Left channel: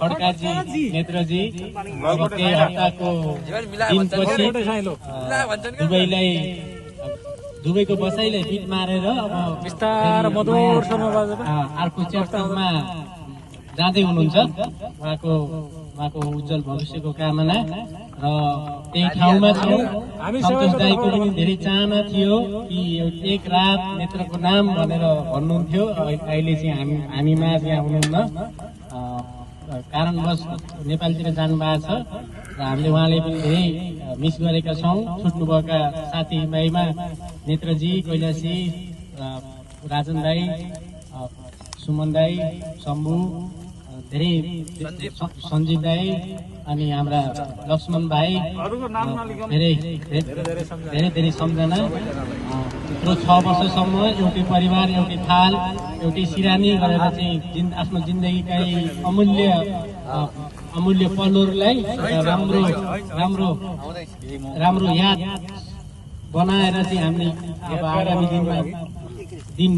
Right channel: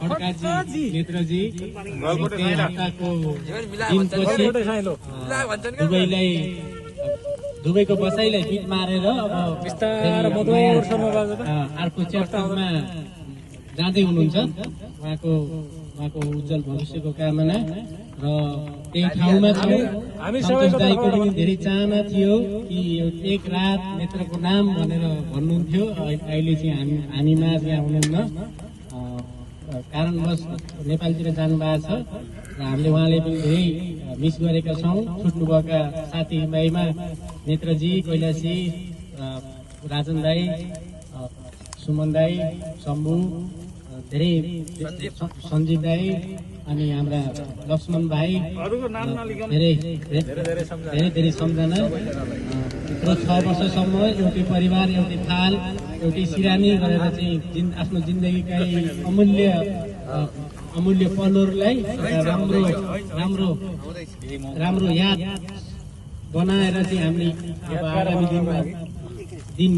खड्काजी नेत्रजी केही हप्ताको दिनपछि दुबईको बसाइलाई फिट मारेर अब अर्को च्याप्टरमा जाँदै हुनुहुन्छ। उहाँको उज्जवल भविष्यको कामना र त्यही ठाउँमा छौँ। सन्तोष दाईको पनि धेरै चाहना थियो कि एक रात नेत्रको नाम भनेर भन्नुहुन्थ्यो। अहिले चाहिँ हामी माझ यहाँ हुनुहुन्न, कारणवश नेपालतिर जानुभएको छ र हामीले उहाँले पनि धेरै मिस गरेका छौँ। छुट्नुभएका साथीभाइमा नेत्रजी, कैलाशी, राजन दाई, सुमन दाई, शम्भु, धेरै सञ्जीव दाई अनि हाम्रा लक्ष्मण भाइ, धेरै सम्झना। यत्रो 6 वर्षसम्म एउटै परिवार, एउटै थाल, एउटै सिरानी गरेर चाहिँ आफ्नो जिन्दगीका अमूल्य पलहरूलाई राम्रो याद बनाएर चाहिँ हामीले अब आगामी दिनमा दिन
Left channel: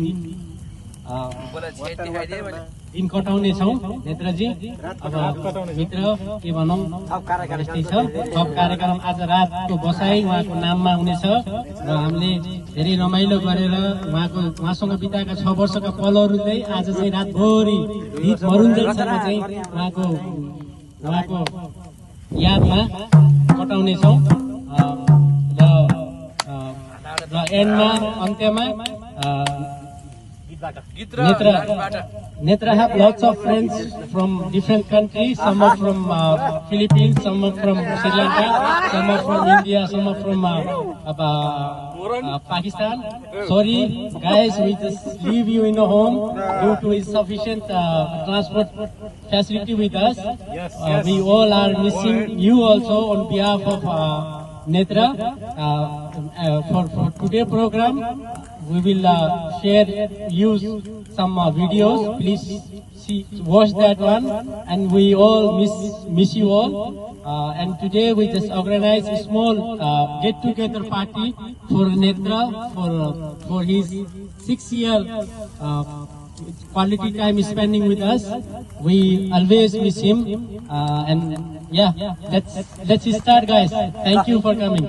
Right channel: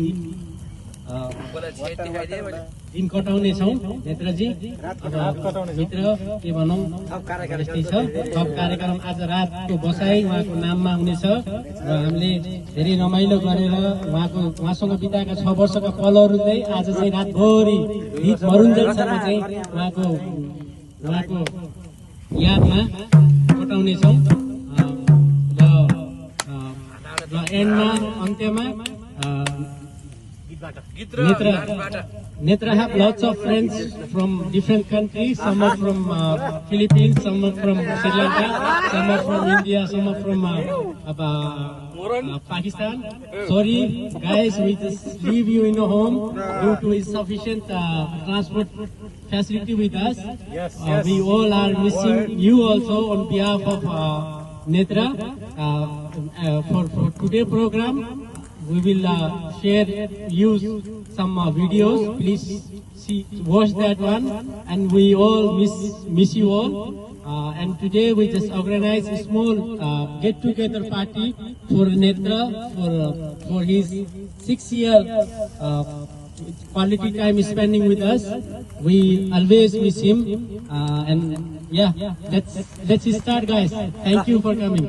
कटाउने छौँ। नेत्रजी अब मित्र के भनौँ, यस्तै छ। थप कार्यक्रम आज रातको बसाई उहाँको नाममा हुनेछ र हामीले धेरै रमाइलो गरेर उहाँसँग बिताएका 6 वर्षका पलहरू चाहिँ आज चाहिँ रातभरि गीत मरुन्जेलसम्म चाहिँ उहाँको यादमा कटाउनेछौँ र एन्डमा अन्त्यमा Netra have lots of friends from different countries. Some are from Philippines, some are from Sri Lanka, some are from India, some are from Pakistan. Sorry, guys, we just leave you in a home due to insufficient transport facility with us. We all are missing you also on behalf of Netra. For today program, we will use some videos. Please watch that one, and we all miss you all. And today we just organize a small get-together party for Netra for his 6-year quality time spending with us. We always miss him, and yeah, let's start, guys. Thank you for coming.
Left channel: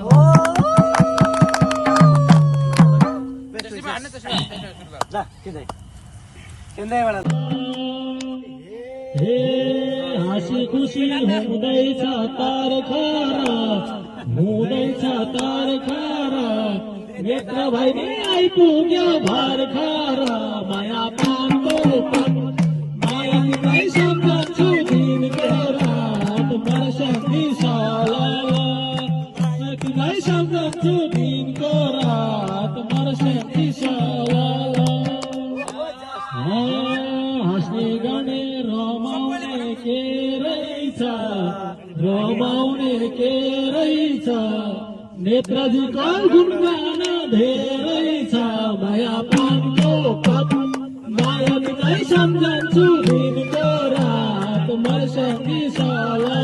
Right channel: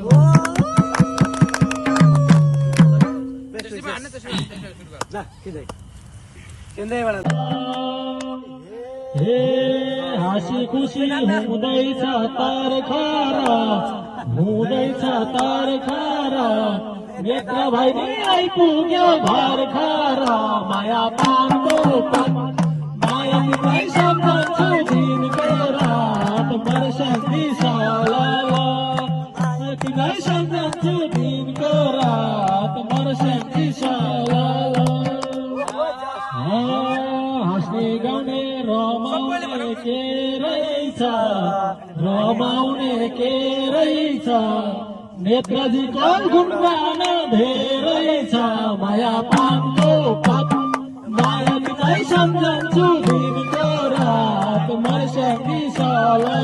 हाँसी खुसी हुँदैछ तार खारा नेत्र भाइ आइपुग्यो घर खारा माया पानको माया तिमीलाई सम्झन्छु दिनको रात वर्षी साला तिमीलाई सम्झन्छु दिनको रात वर्षी साला हाँस्ने गाउने रमाउने के रहेछ नेत्रजीको गुणगान धेरै छ माया पानको माया तिमीलाई सम्झन्छु दिनको रात वर्षी साला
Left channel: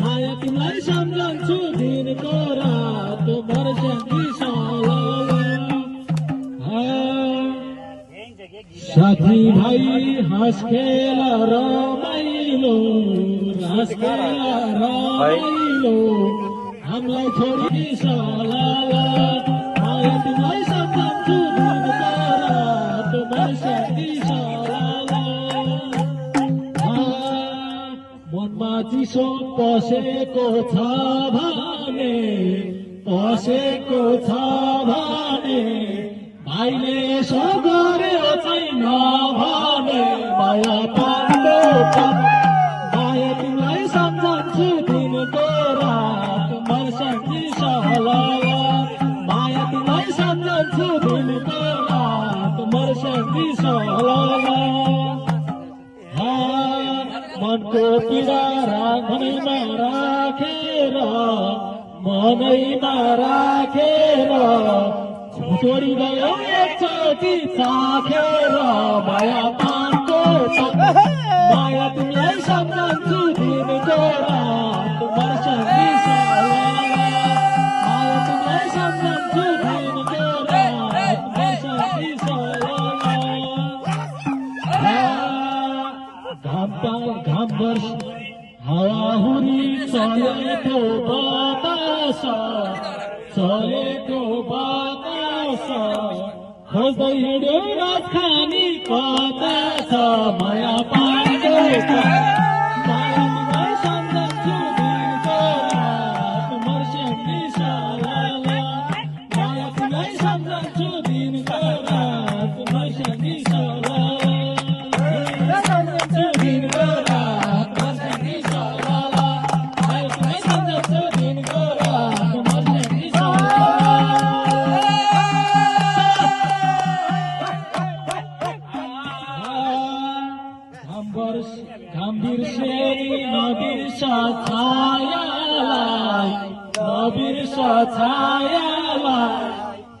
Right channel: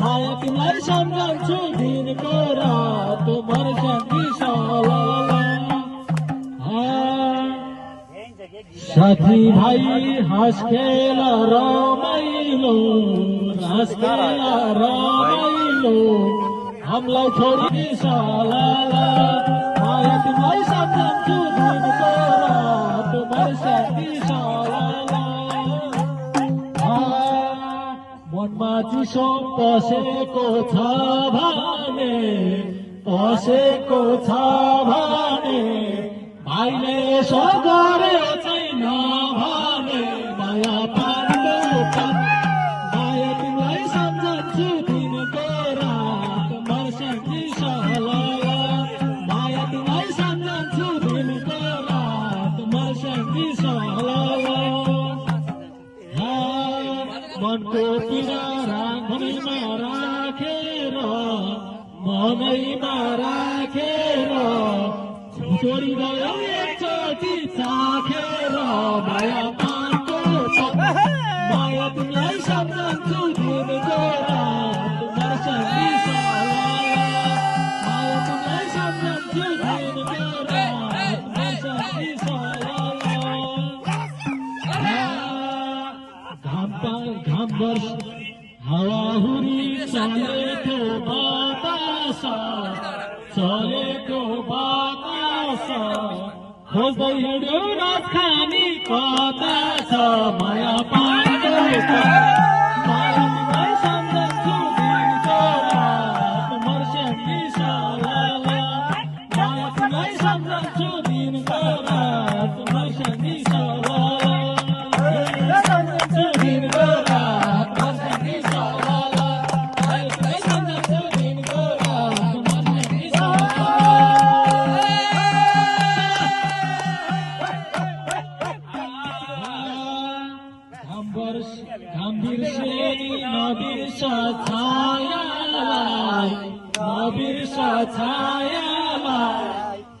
माया तिमीलाई सम्झन्छु दिनको रात वर्षी साला साथी भाइ हाँस खेल रमाइलो हामीलाई छोडी साला माया तिमीलाई सम्झन्छु दिनको रात वर्षी साला मनमा चिसो पसेको छ भने भाइले यसो गरेर चाहिँ नभने माया पाएको माया तिमीलाई सम्झन्छु दिनको रात वर्षी साला माया तिमीलाई सम्झन्छु दिनको रात वर्षी साला मनको पीडा मनैमा राखेर छोरी गयो एकचोटि चाखेर माया पाएको माया तिमीलाई सम्झन्छु दिनको रात वर्षी साला माया तिमीलाई सम्झन्छु दिनको रात वर्षी साला चलेको बतास चलेको बतास खोज्दै हिँड्यो नखानी कता छ माया पाएको माया तिमीलाई सम्झन्छु दिनको रात मर्स्याङ्गी सलाला माया तिमीलाई सम्झन्छु दिनको रात मर्स्याङ्गी सलाला सम्झन्छु दिनको रात मर्स्याङ्गी सलाला माया तिमीलाई सम्झन्छु दिनको रात मर्स्याङ्गी घाम बिर्सेनी नबिर्स छायालाई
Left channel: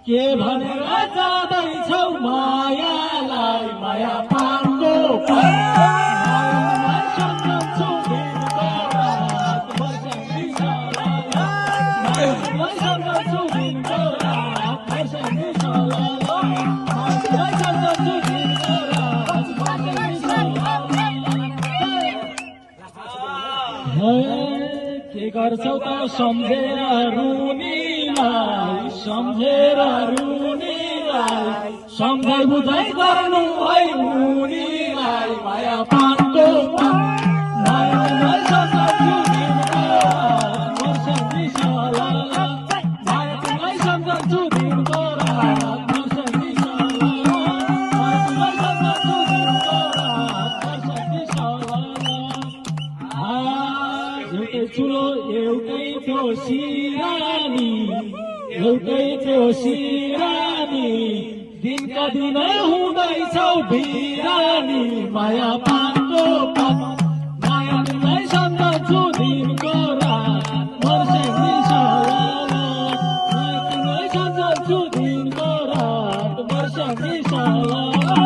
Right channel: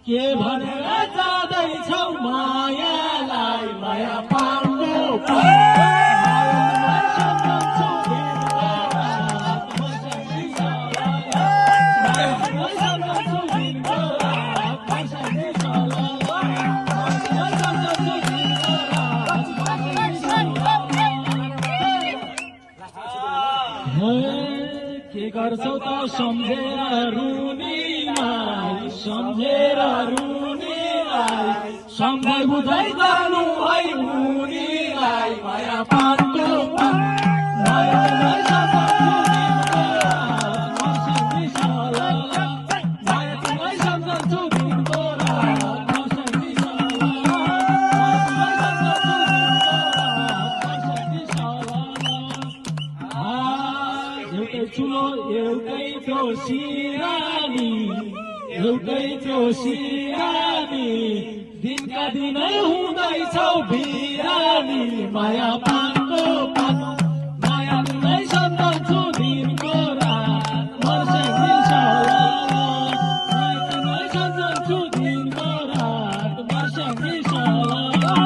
के भनेर जाँदैछौ मायालाई माया पाएको मायालाई सम्झन्छु दिनको रात मर्स्याङ्गी सलाला मायालाई सम्झन्छु दिनको रात मर्स्याङ्गी सलाला मायालाई सम्झन्छु दिनको रात मर्स्याङ्गी सलाला के गर्छौ त सम्झेर रुनीलाई सम्झै बुझै गर्नु है मुनीलाई माया पानको मायालाई सम्झन्छु दिनको रात मर्स्याङ्गी सलाला माया तिमीलाई सम्झन्छु दिनको रात मर्स्याङ्गी सलाला माया तिमीलाई सम्झन्छु दिनको रात मर्स्याङ्गी सलाला एउटै चुलो एउटै थियो सिरानी दिनका दिनै हुँदैछौ बिरानी माया पानको माया तिमीलाई सम्झन्छु दिनको रात मर्स्याङ्गी सलाला माया तिमीलाई सम्झन्छु दिनको रात मर्स्याङ्गी सलाला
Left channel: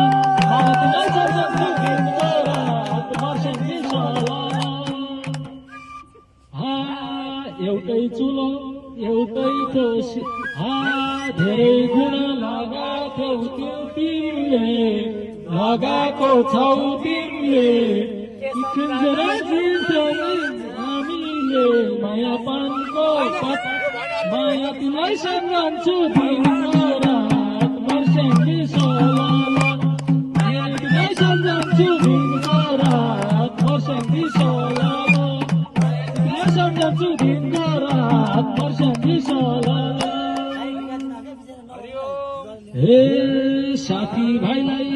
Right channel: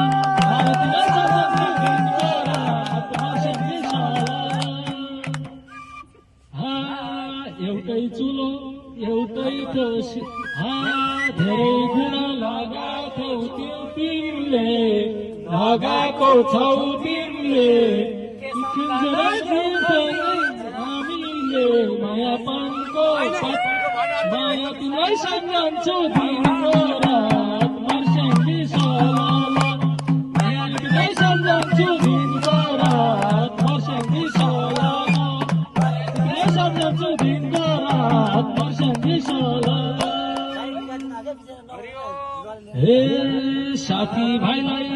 माया तिमीलाई सम्झन्छु दिनको रात मर्स्याङ्गी सलाला एउटै चुलो एउटै दोषी धेरै गुण लगाएको लगाएको छौ तिमीले हामीले माया पानको माया तिमीलाई सम्झन्छु दिनको रात मर्स्याङ्गी सलाला माया तिमीलाई सम्झन्छु दिनको रात मर्स्याङ्गी सलाला सम्झन्छु दिनको रात मर्स्याङ्गी सलाला हे साथी भाइलाई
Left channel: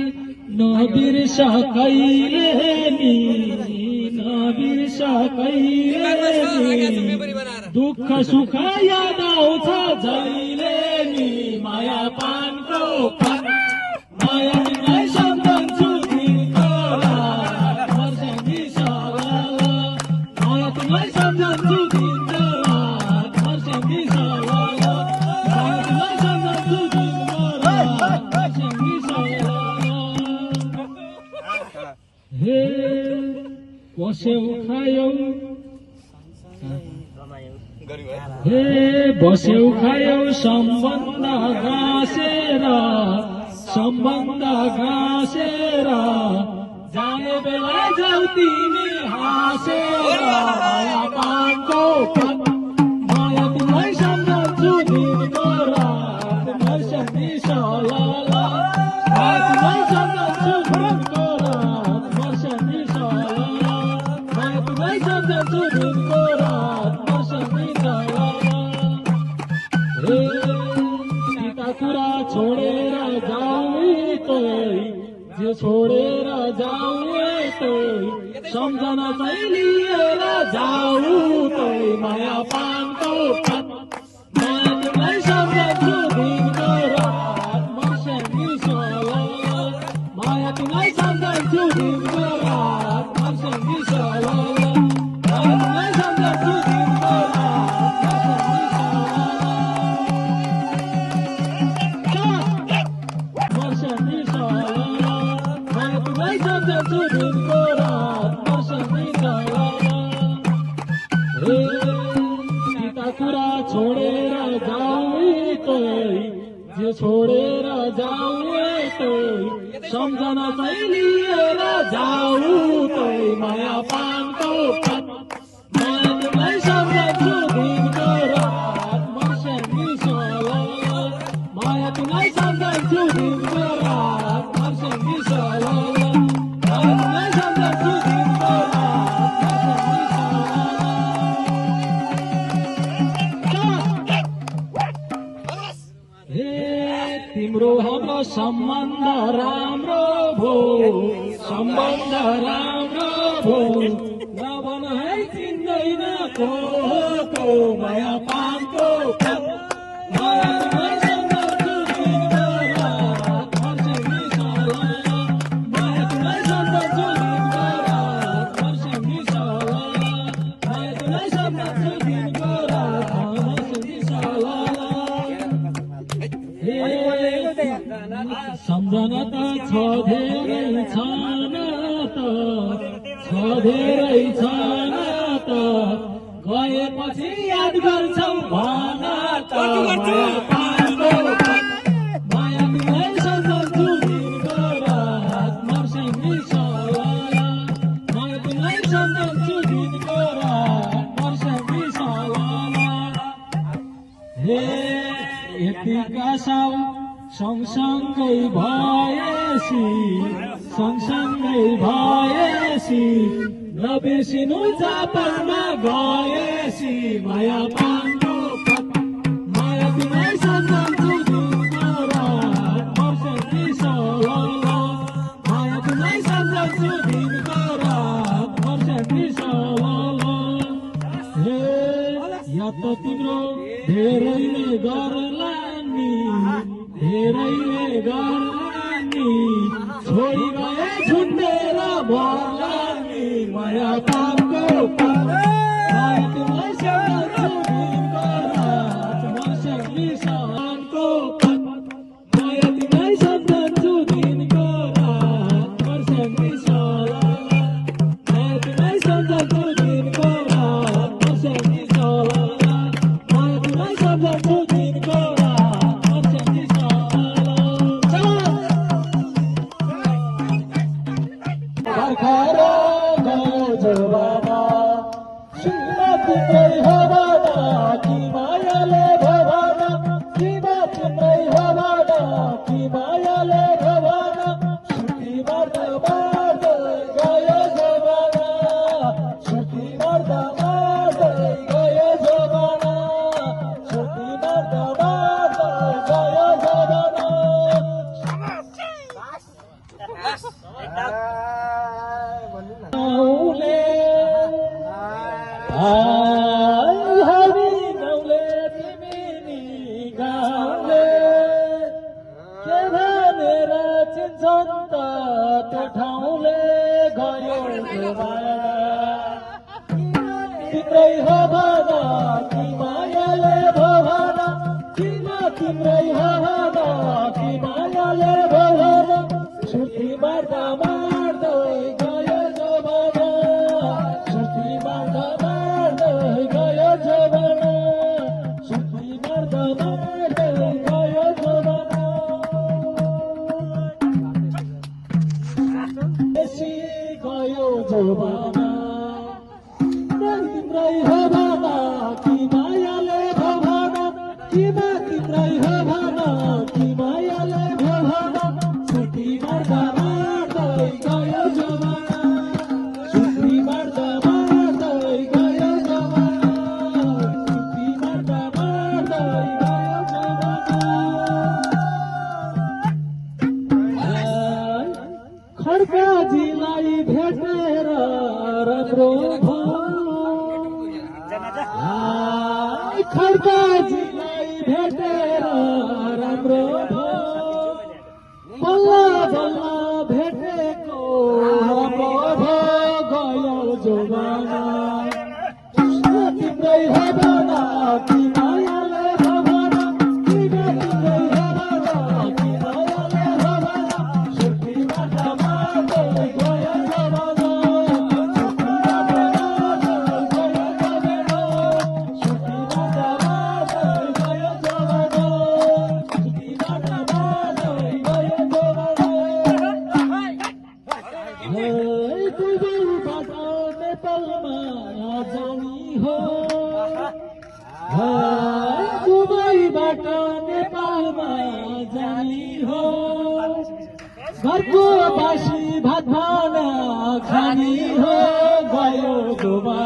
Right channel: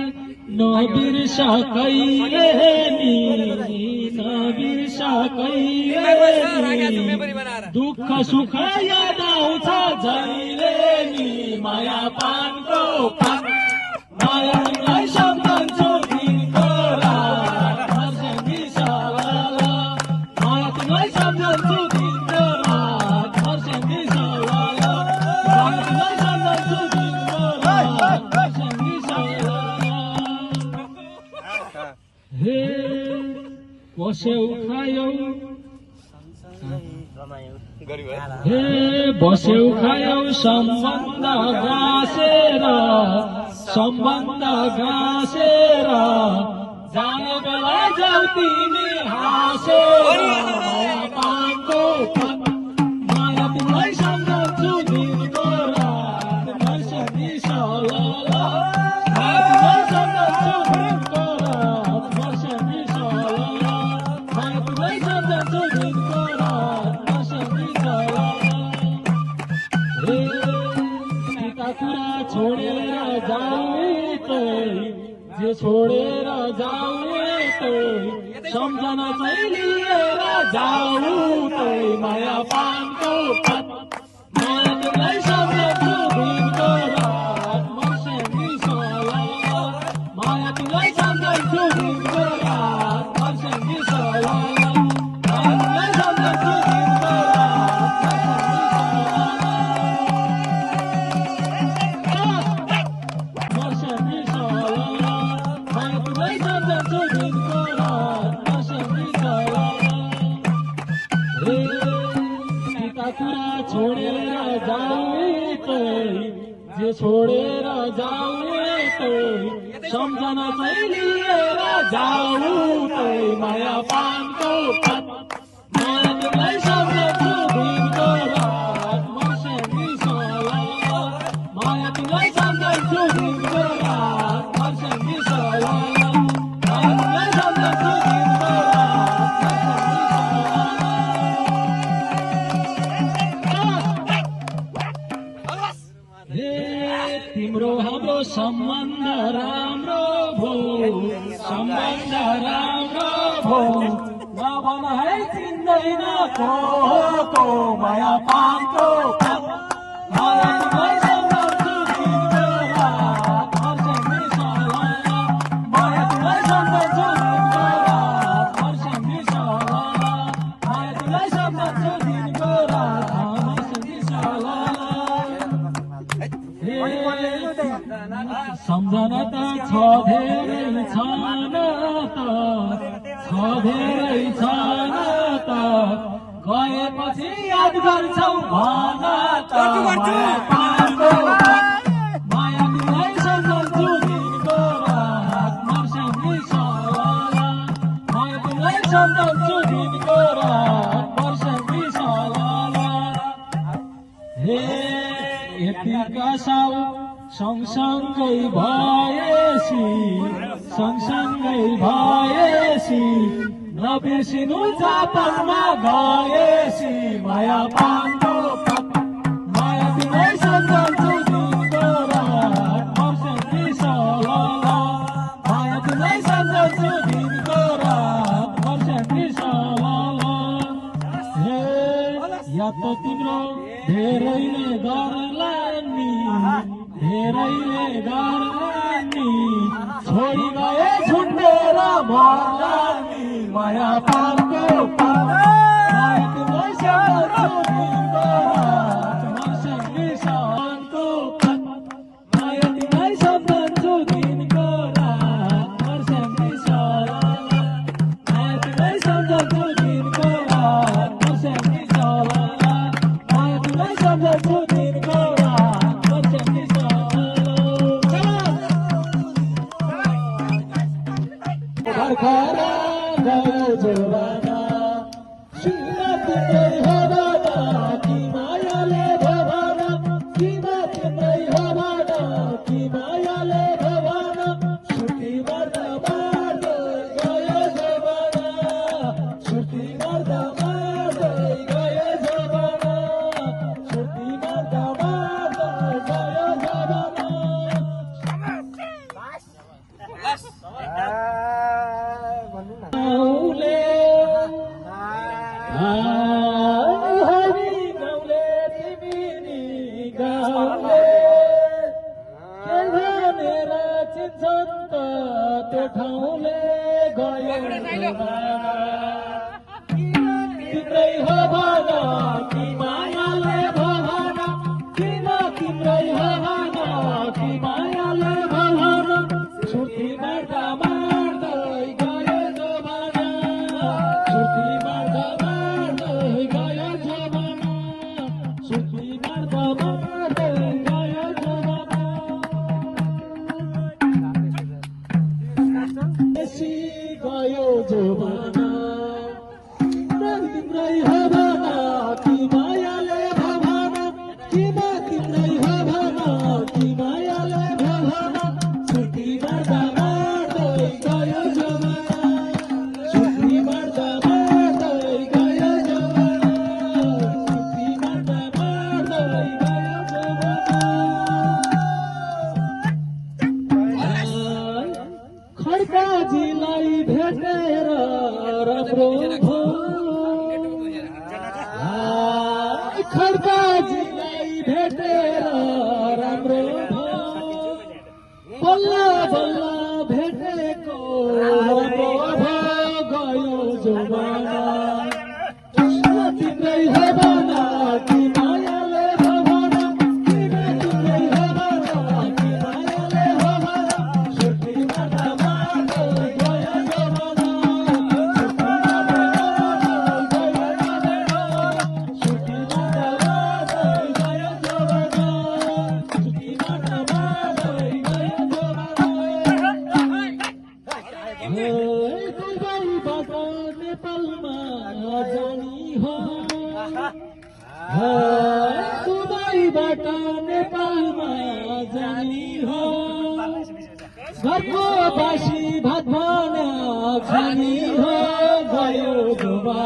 नबिर्स कहिले नि दुःख सुख याद आउँछ जहिले नि माया पानको माया तिमीलाई सम्झन्छु दिनको रात मर्स्याङ्गी सलाला माया तिमीलाई सम्झन्छु दिनको रात मर्स्याङ्गी सलाला माया तिमीलाई सम्झन्छु दिनको रात मर्स्याङ्गी सलाला हे बस्यौ खायौ सम्बन्ध गाँसेर जाने बेला जाऊ तिमी हाँसेर माया पानको माया तिमीलाई सम्झन्छु दिनको रात मर्स्याङ्गी सलाला माया तिमीलाई सम्झन्छु दिनको रात मर्स्याङ्गी सलाला माया तिमीलाई सम्झन्छु दिनको रात मर्स्याङ्गी सलाला कुरा छोडेर जाऊ जे छोडेर जाऊ सम्झना चाहिँ लिएर जाऊ माया पानको माया तिमीलाई सम्झन्छु दिनको रात मर्स्याङ्गी सलाला माया तिमीलाई सम्झन्छु दिनको रात मर्स्याङ्गी सलाला माया तिमीलाई सम्झन्छु दिनको रात मर्स्याङ्गी सलाला माया तिमीलाई सम्झन्छु दिनको रात मर्स्याङ्गी सलाला कुरा छोडेर जाऊ जे छोडेर जाऊ सम्झना चाहिँ लिएर जाऊ माया पानको माया तिमीलाई माया तिमीलाई सम्झन्छु दिनभर मर्छौँ सला माया तिमीलाई सम्झन्छु दिनभर मर्छौँ तिम्रो हाम्रो सम्बन्ध राम्रो भो सम्बन्ध राम्रो भो नभन है चिन्दैन को माया पानको माया तिमीलाई सम्झन्छु दिनभर मर्छौँ नि सला माया तिमीलाई सम्झन्छु दिनभर मर्छौँ नि सला माया तिमीलाई सम्झन्छु दिनभर मर्छौँ नि सला सम्झना त छ धेरै छन त गएपछि याद गर्छौ भन त माया तिमीलाई सम्झन्छु दिनभर मर्छौँ नि सला माया तिमीलाई सम्झन्छु दिनभर मर्छौँ नि सला हे यतिका साउ सँगसँगै भएसी नबिर्सिनु जापानमा गएसी माया पानको माया तिमीलाई सम्झन्छु दिनभर मर्छौँ नि सला माया तिमीलाई सम्झन्छु दिनभर मर्छौँ नि सला हे या त तिम्रो धेरैले गर्लानी छोडी गए छुटेर मर्लानी माया पानको माया तिमीलाई सम्झन्छु दिनभर मर्छौँ नि सलाको माया तिमीलाई सम्झन्छु दिनभर मर्छौँ नि सला माया तिमीलाई सम्झन्छु दिनभर मर्छौँ नि सला माया तिमीलाई सम्झन्छु दिनभर खरा गयो जवाना सीमा तिम्रै हो भन कि मायाले भो भन सीमा तिम्रै हो भन कि मायाले भो भन छुट्टी मर्दा मार्दै गयो जवाना छुट्टी मर्दा मार्दै गयो जवाना छुट्टी मर्दा मार्दै गयो जवाना हरि गाउँले तिमी गाउँले के भनेर चिन्छन् त त्यो ठाउँले गयो जमाना तिम्रै हो भन कि मायाले भो भन किमा तिम्रै हो भन कि मायाले भो भन छुट्टी मार्दा मार्दै गयो जमाना छुट्टी मार्दा मार्दै गयो जमाना छुट्टी मार्दा मार्दै गयो जमाना बेसी गयो जमाना तिम्रै हो भन कि मायाले भो भन किमा तिम्रै हो भन कि मायाले भो भन छुट्टी मार्दा मार्दै गयो जमाना छुट्टी मार्दा मार्दै गयो जमाना छुट्टी मार्दा मार्दै गयो जमाना खड्काजीलाई भेटेर राम्रो भयो खड्काजीलाई भेटेर राम्रो भयो बल्ल बल्ल भेटेको राम्रो भयो गयो जमाना तिम्रै हो भन कि मायाले हो भन किमा तिम्रै हो भन कि मायाले हो भन छुट्टी मार्दा मार्दै गयो जमाना छुट्टी मार्दा मार्दै गयो जमाना छुट्टी मार्दा मार्दै गयो जमाना जानी हो घरको बासी भात भान खानी हो गयो डुबा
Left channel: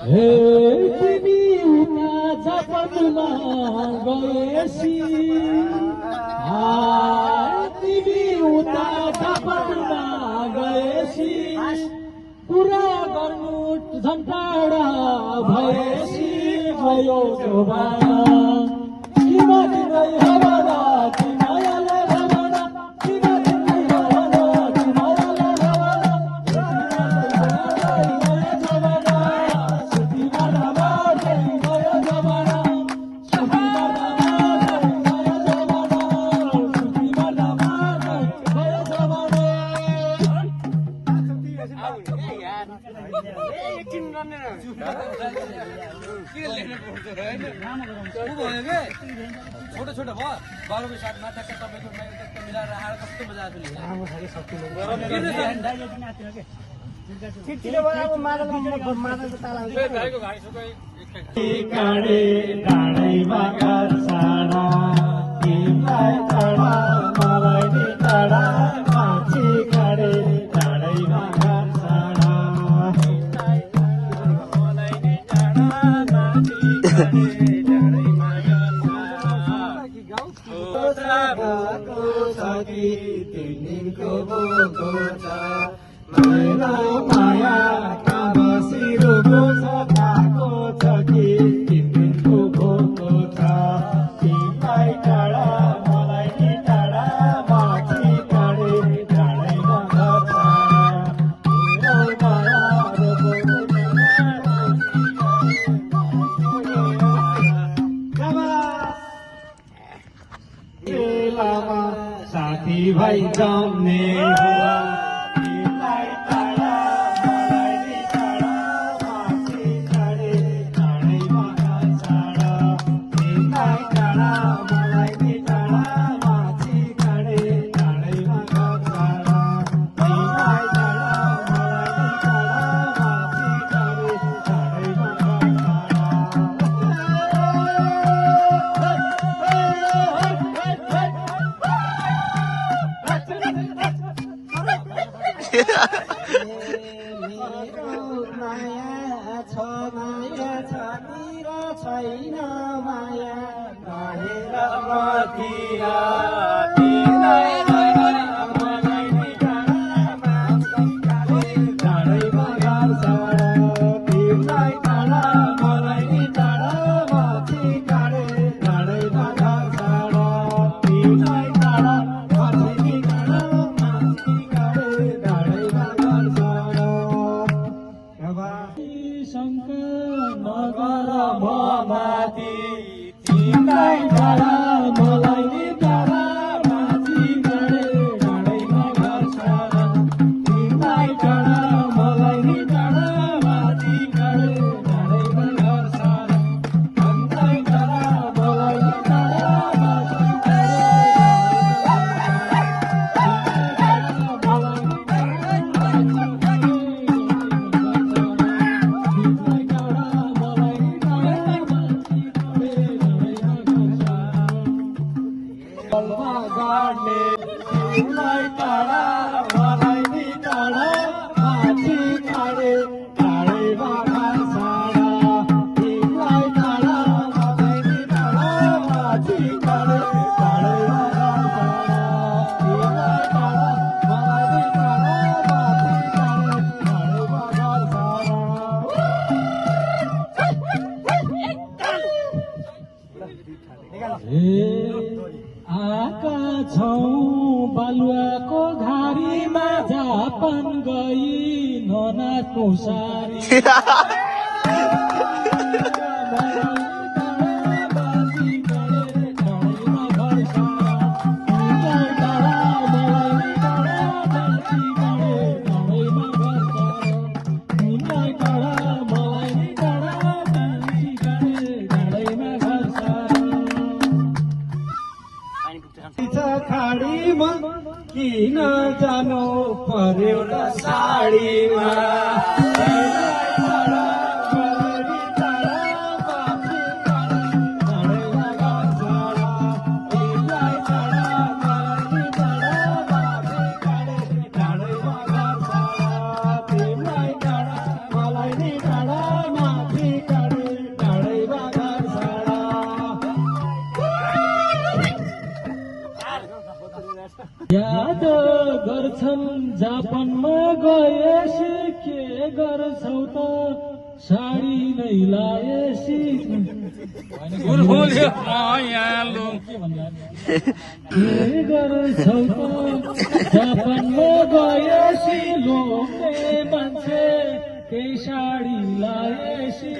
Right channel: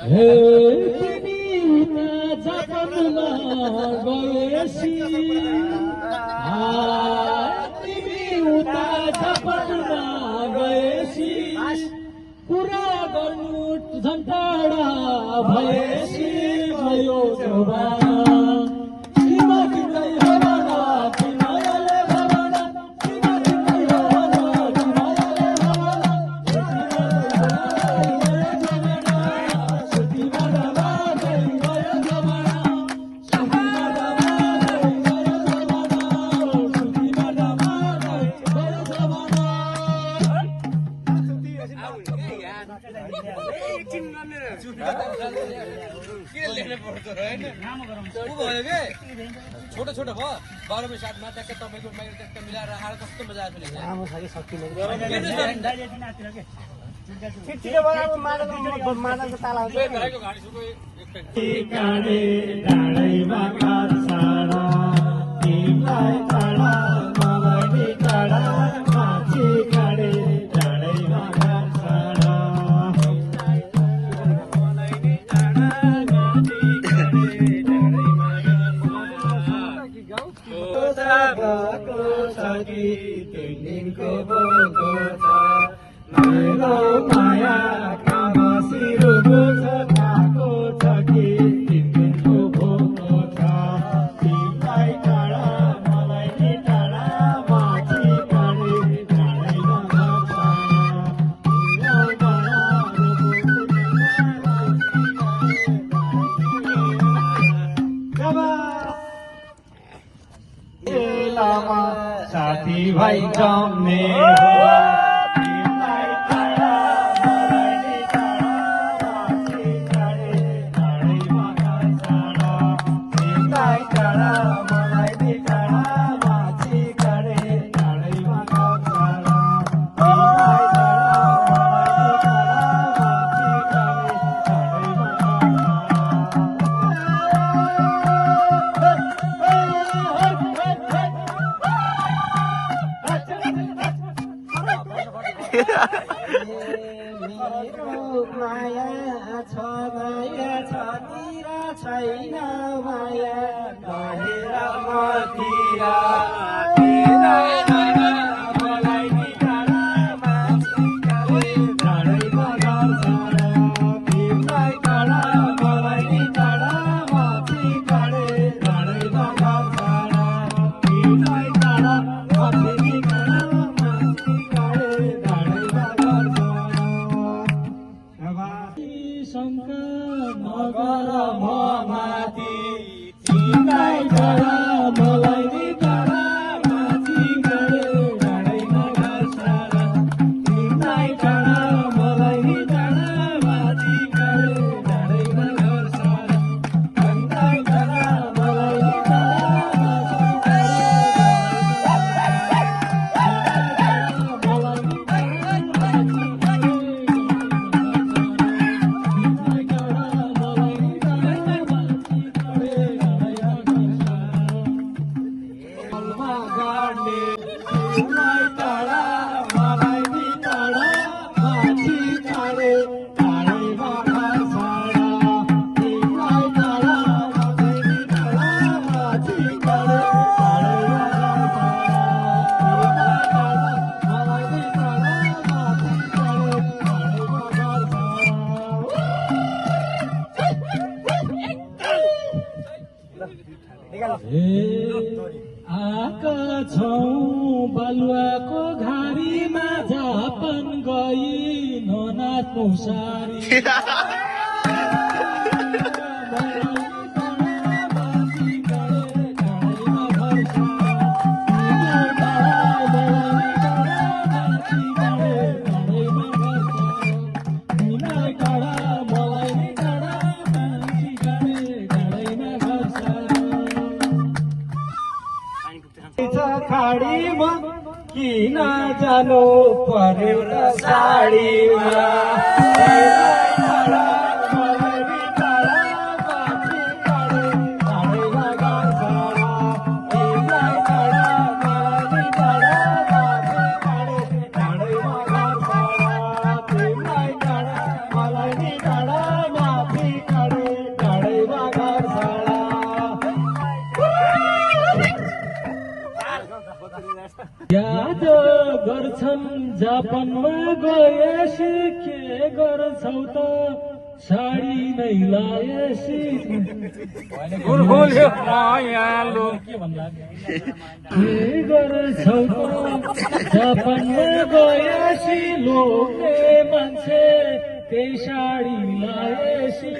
तिमी उता जापानमा गएसी तिमी उता जापानमा गएसी पुरा गर्नु झन् टाढा भएसी भयो जोबाना छोटो छोटो भयो 12 साथ माथा के तपाईको टक्क मिलाएर राखेर कस्तो मजा आछ नि आमा खाली शक्ति छिटछिटो भयो अब मादलको ताला भाइको गाडी सुको काडे डाँडैमा काट्छाडा तिमीलाई काडा मलाई नि काडा माथि काडे डाँडैमा काट्छाडा मलाई नि काडा माथि काडे माया कामसिरुको छ ताको छ कि तिम्रो भोको छ तिमीलाई टाढा मलाई नि टाढा माथि काडे डाँडैमा माया साथी भाइ जम्ने माया छ माया छ तिरा छैन माया बढेर मतिर मलाई नि टाढा माथि काडे डाँडैमा गाड्छाडा तिमीलाई टाढा मलाई नि टाढा माथि काडे डाँडैमा गाड्छाडा तिमीलाई टाढा माथि काडा माथि काडे डाँडैमा गाड्छाडा शङ्का नगर म माथि तिमीलाई टाढा मलाई नि टाढा माथि काडे डाँडैमा गाड्छाडा तिमीलाई टाढा मलाई नि टाढा माथि काडे डाँडैमा गाड्छाडा तिमीलाई टाढा मलाई नि टाढा माथि काडे आका छौं बालुवाको घारीमा जापान गई ननाथको सारी खाडीमा किन जानु पर्यो र साडीमा याद गर्छन् जापानमा गएसी के गर्छौ त साडी नै लाएसी के गर्छौ त जापानमा गएसी लोग्ने मान्छे त्यही साडी लाएसी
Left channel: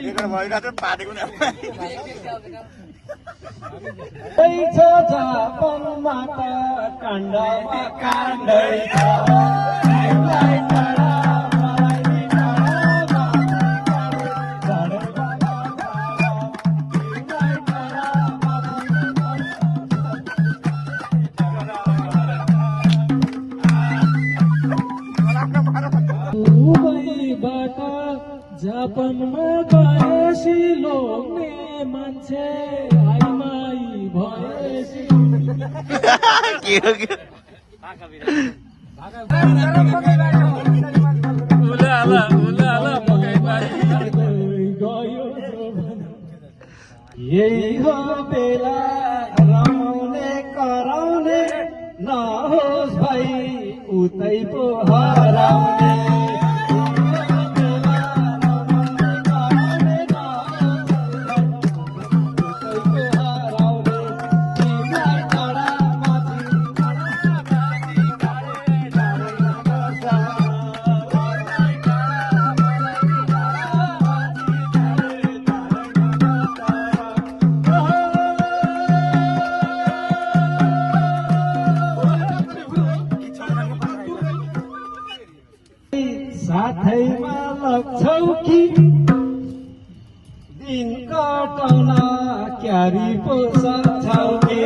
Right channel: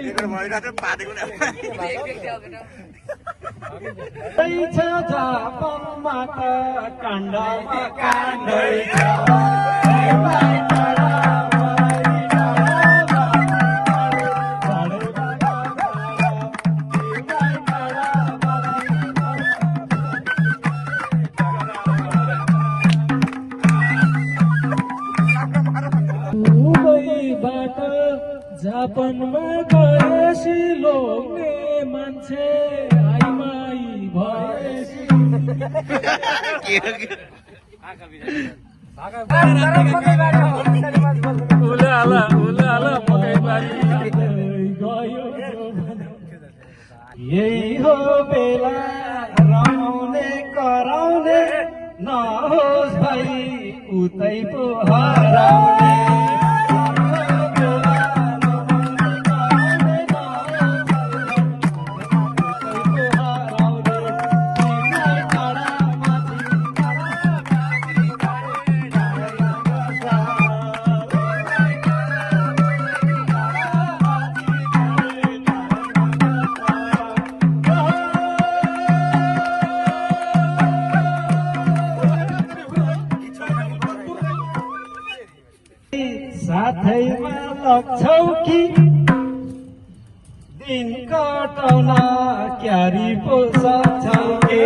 छ जापानमा त काण्डमा काण्डै छ दुबईबाट जापानमा गएसी लोग्ने मान्छे आइमाई भएसी यही हो बेला रमाउने कराउने नहोस् भाइ उतै पो हराउने साथैमा लग्छौ कि दिन काटौन क्यारी पो सक्छौ कि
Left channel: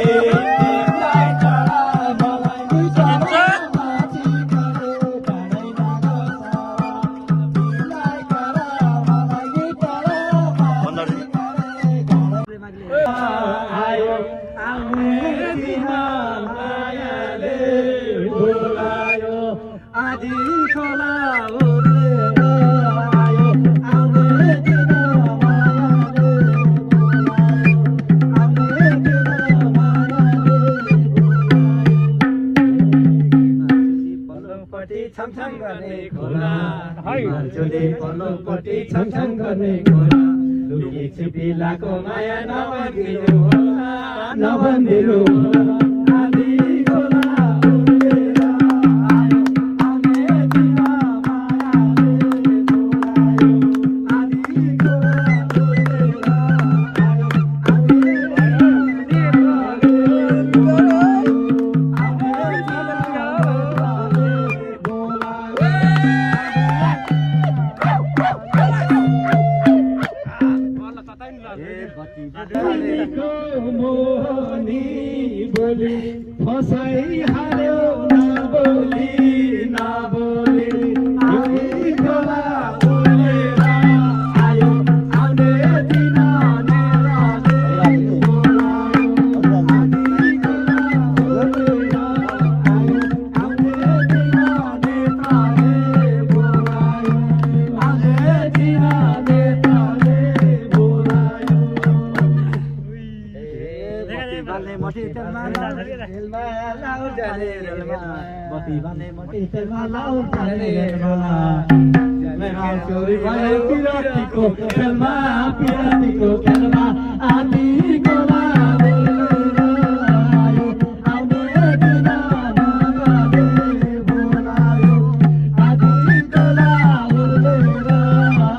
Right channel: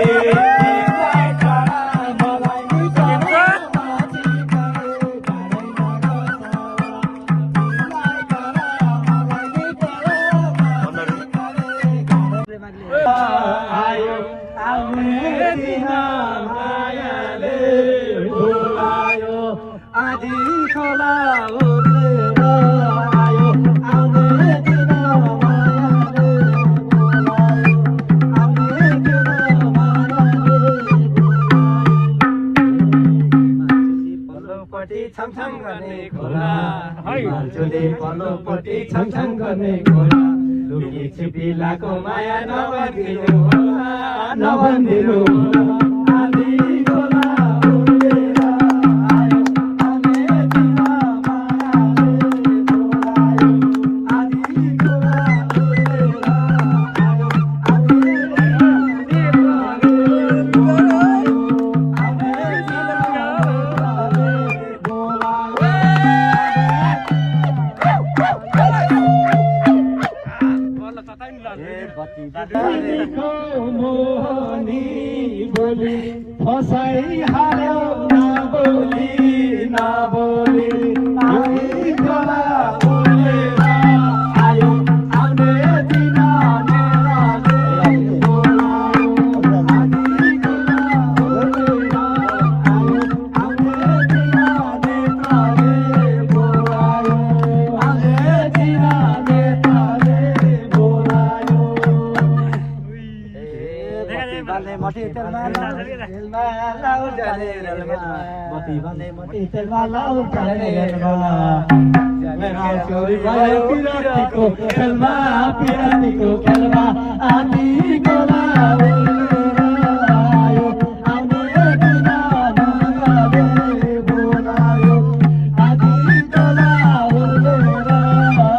आयो आउने दिन मायाले बोलायो आधी खोला छमछम गर्ने खोला मान्छेले पल्लोपट्टि छमछम गर्ने खोला लुकी छिपिलाको माया नभनिदिनु होला नभनिदिनु होला आधी खोला उडेर आयो आउने दिन मायाले बोलायो आधी खोला उडेर आयो आउने दिन मायाले बोलायो आउने मोहनी बोली फसाइ हाल्यो नबोली नबोली आधी खोला उडेर आयो आउने दिन नेराले बोलायो आधी खोला उडेर आयो आउने दिन नेताले बोलायो आउने दिन नेताले बोलायो बाल्ने मटी तेलमा लाउ जाने रेलमा बत्ती बाल्ने मटी तेलमा लाउ जाने रेलमा चोरी भयो पिरातीको खेलमा पिरातीको खेलमा आधी खोला उडेर आयो आउने दिन नगरे बोलायो आधी खोला उडेर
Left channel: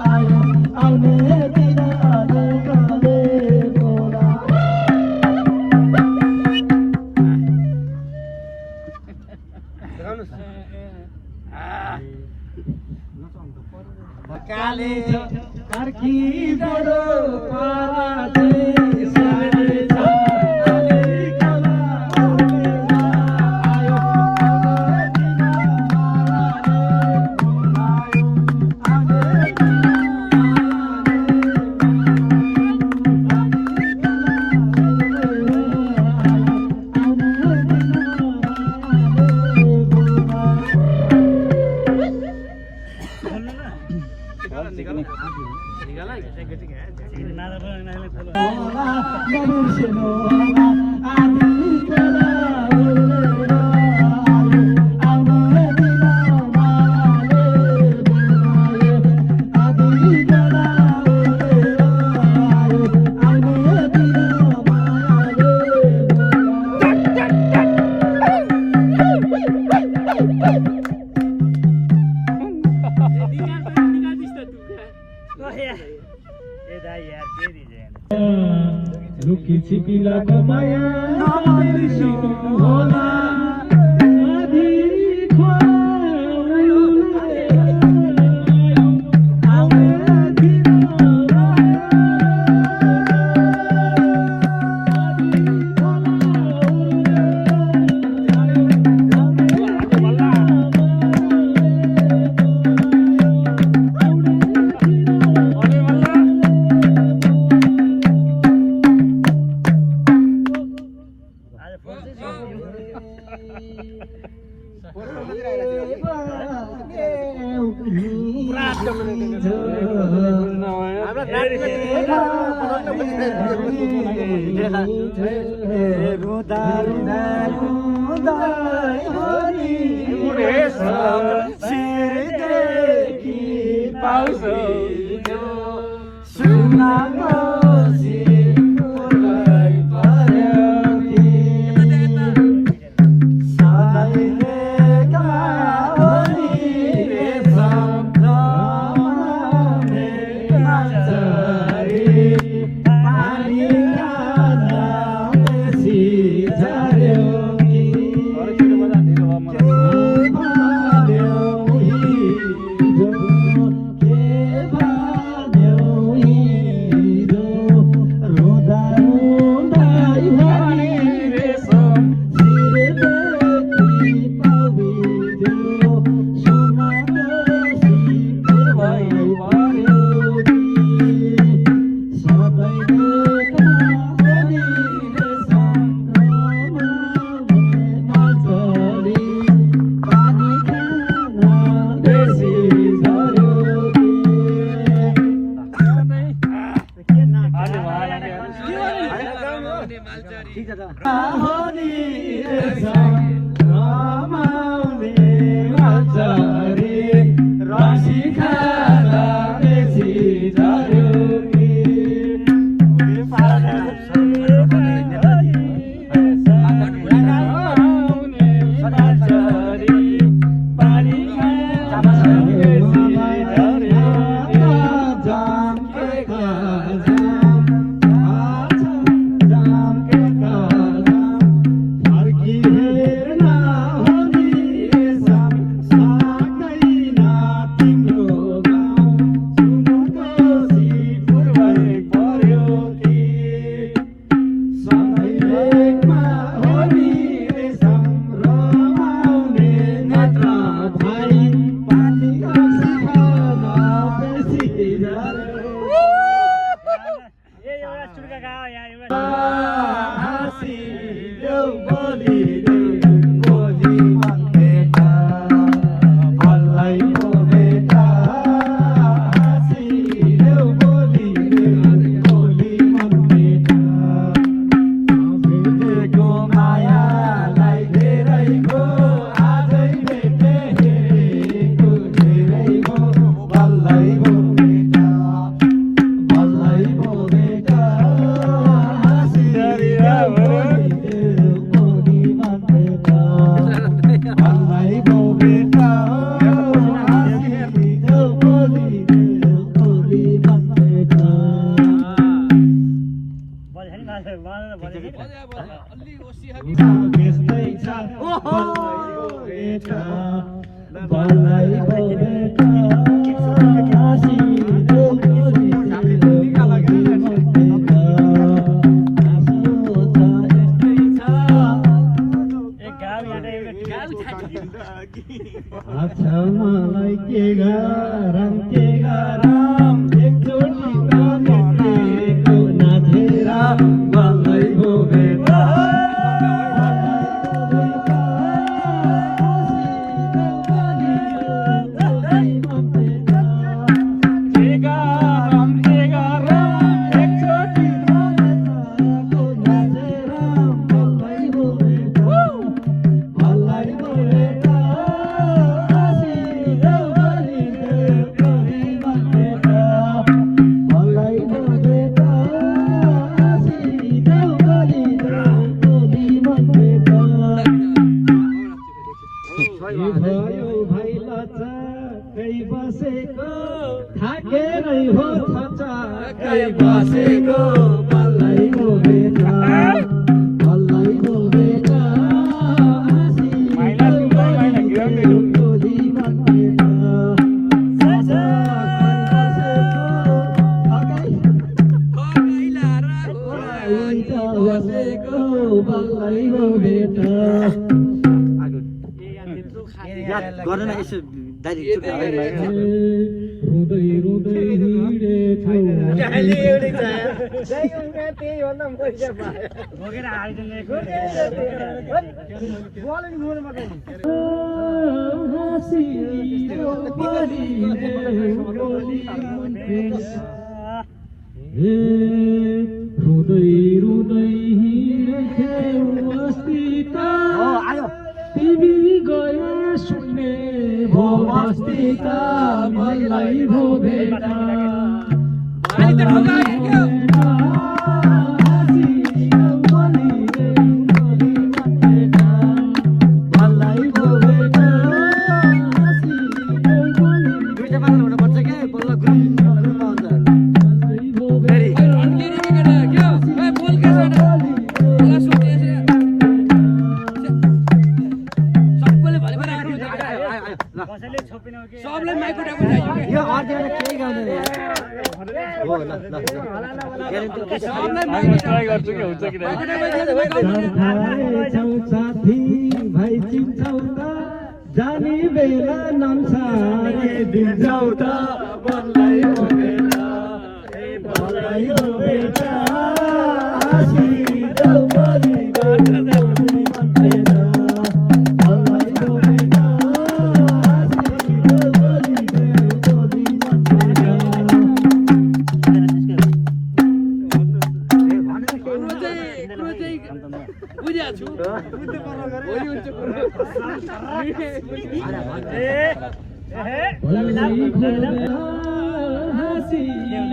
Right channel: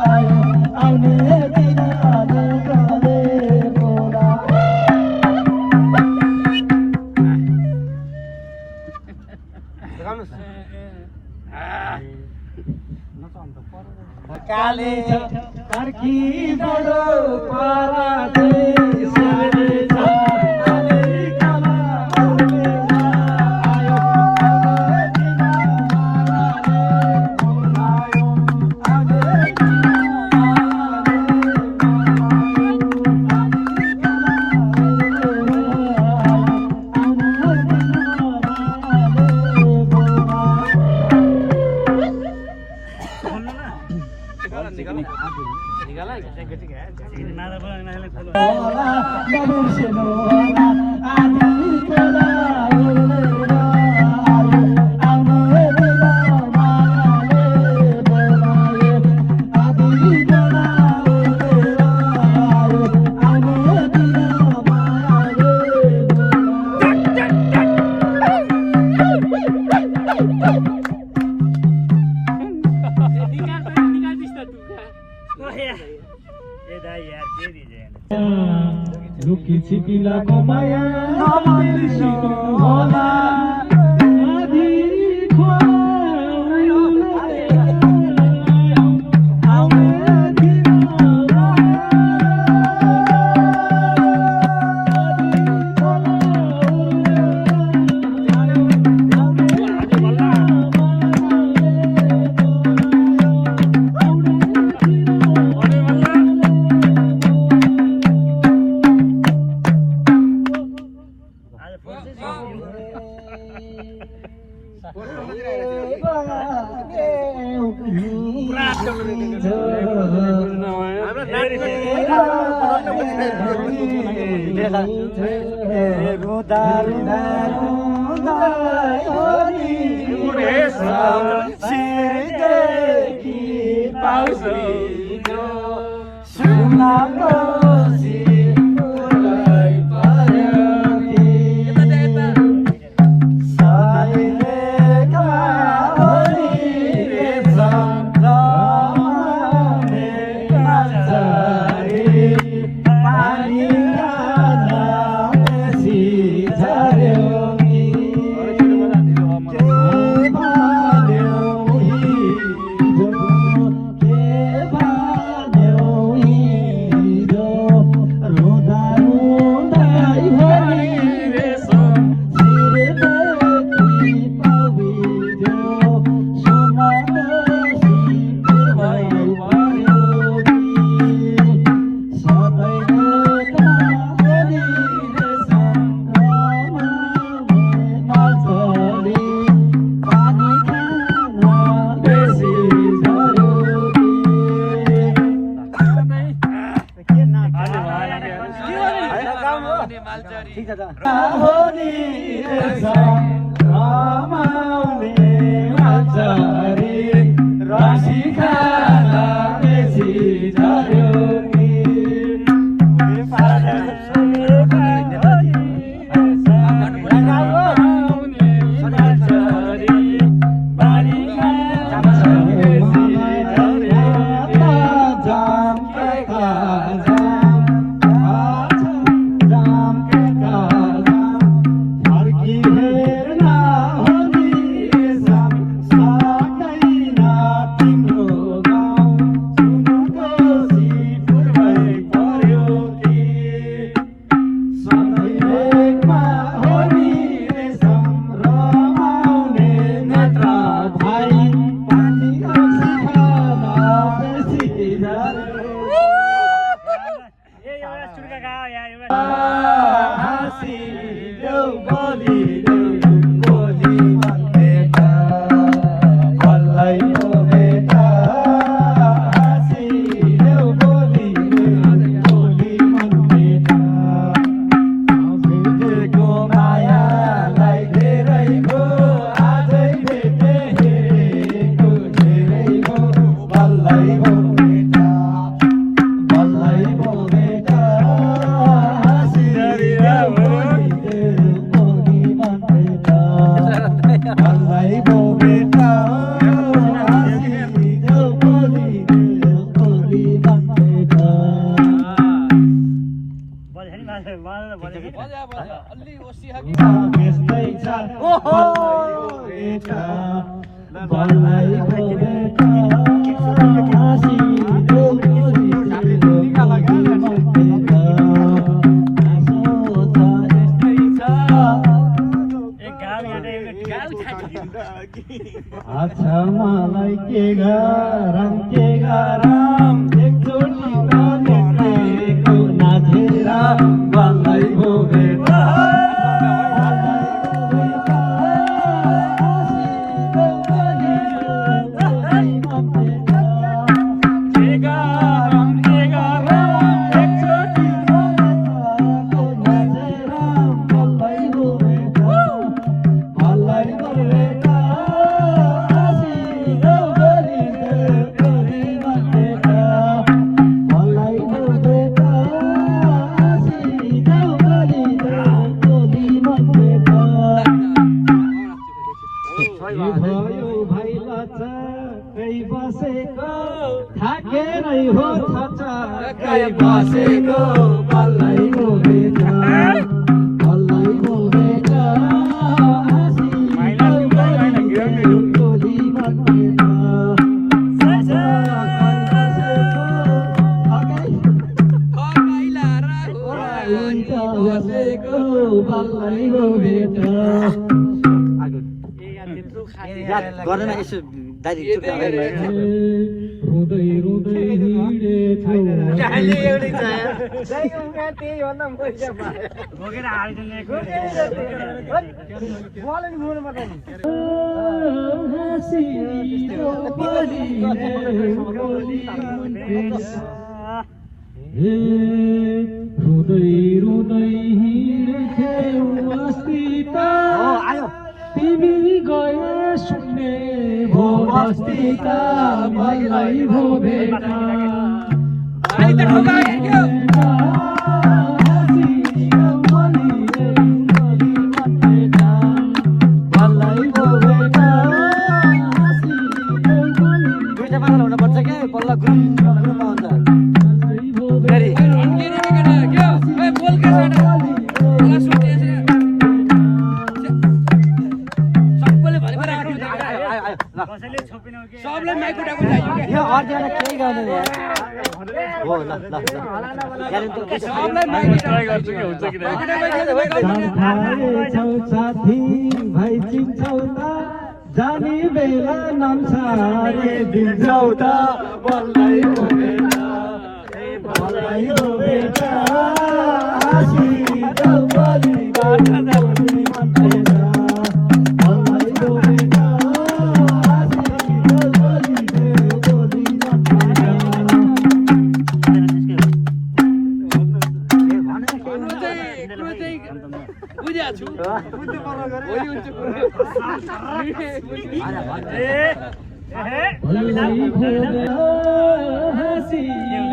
आयो आउने दिन नगरे बोलायो काले कर्की बडो पराते सारे आधी खोला उडेर गाडाको माया नबिर्सिनु होला आधी अच्छा मलाई के गरम एकचोटि नदेखेको नाचेर मलाई भोगेता बसेको बल्लै गर्दैन यसो दाइ रुँदै रुँदै रुँदै रुँदै हिँडेथ्यौ अस्ति त तिमी गए सुन्ने भो बस्तीका भलै भो भेटा दुईटा मात्र हुनुपर्छ क्या बल्ल ग्रुपमा हुन्छ फेरि यो अर्जेन्ट केही गर्दैन यार हो ल छौ साथी भाइ चिन्छौ त जाने बेला नाम सारे दिन्छौ त बल्लै हो बेटा बल्लै हो बेटा आसी जाऊ बलि गाटा जाऊ भन्दैछ बल्लै हो बेटा आसी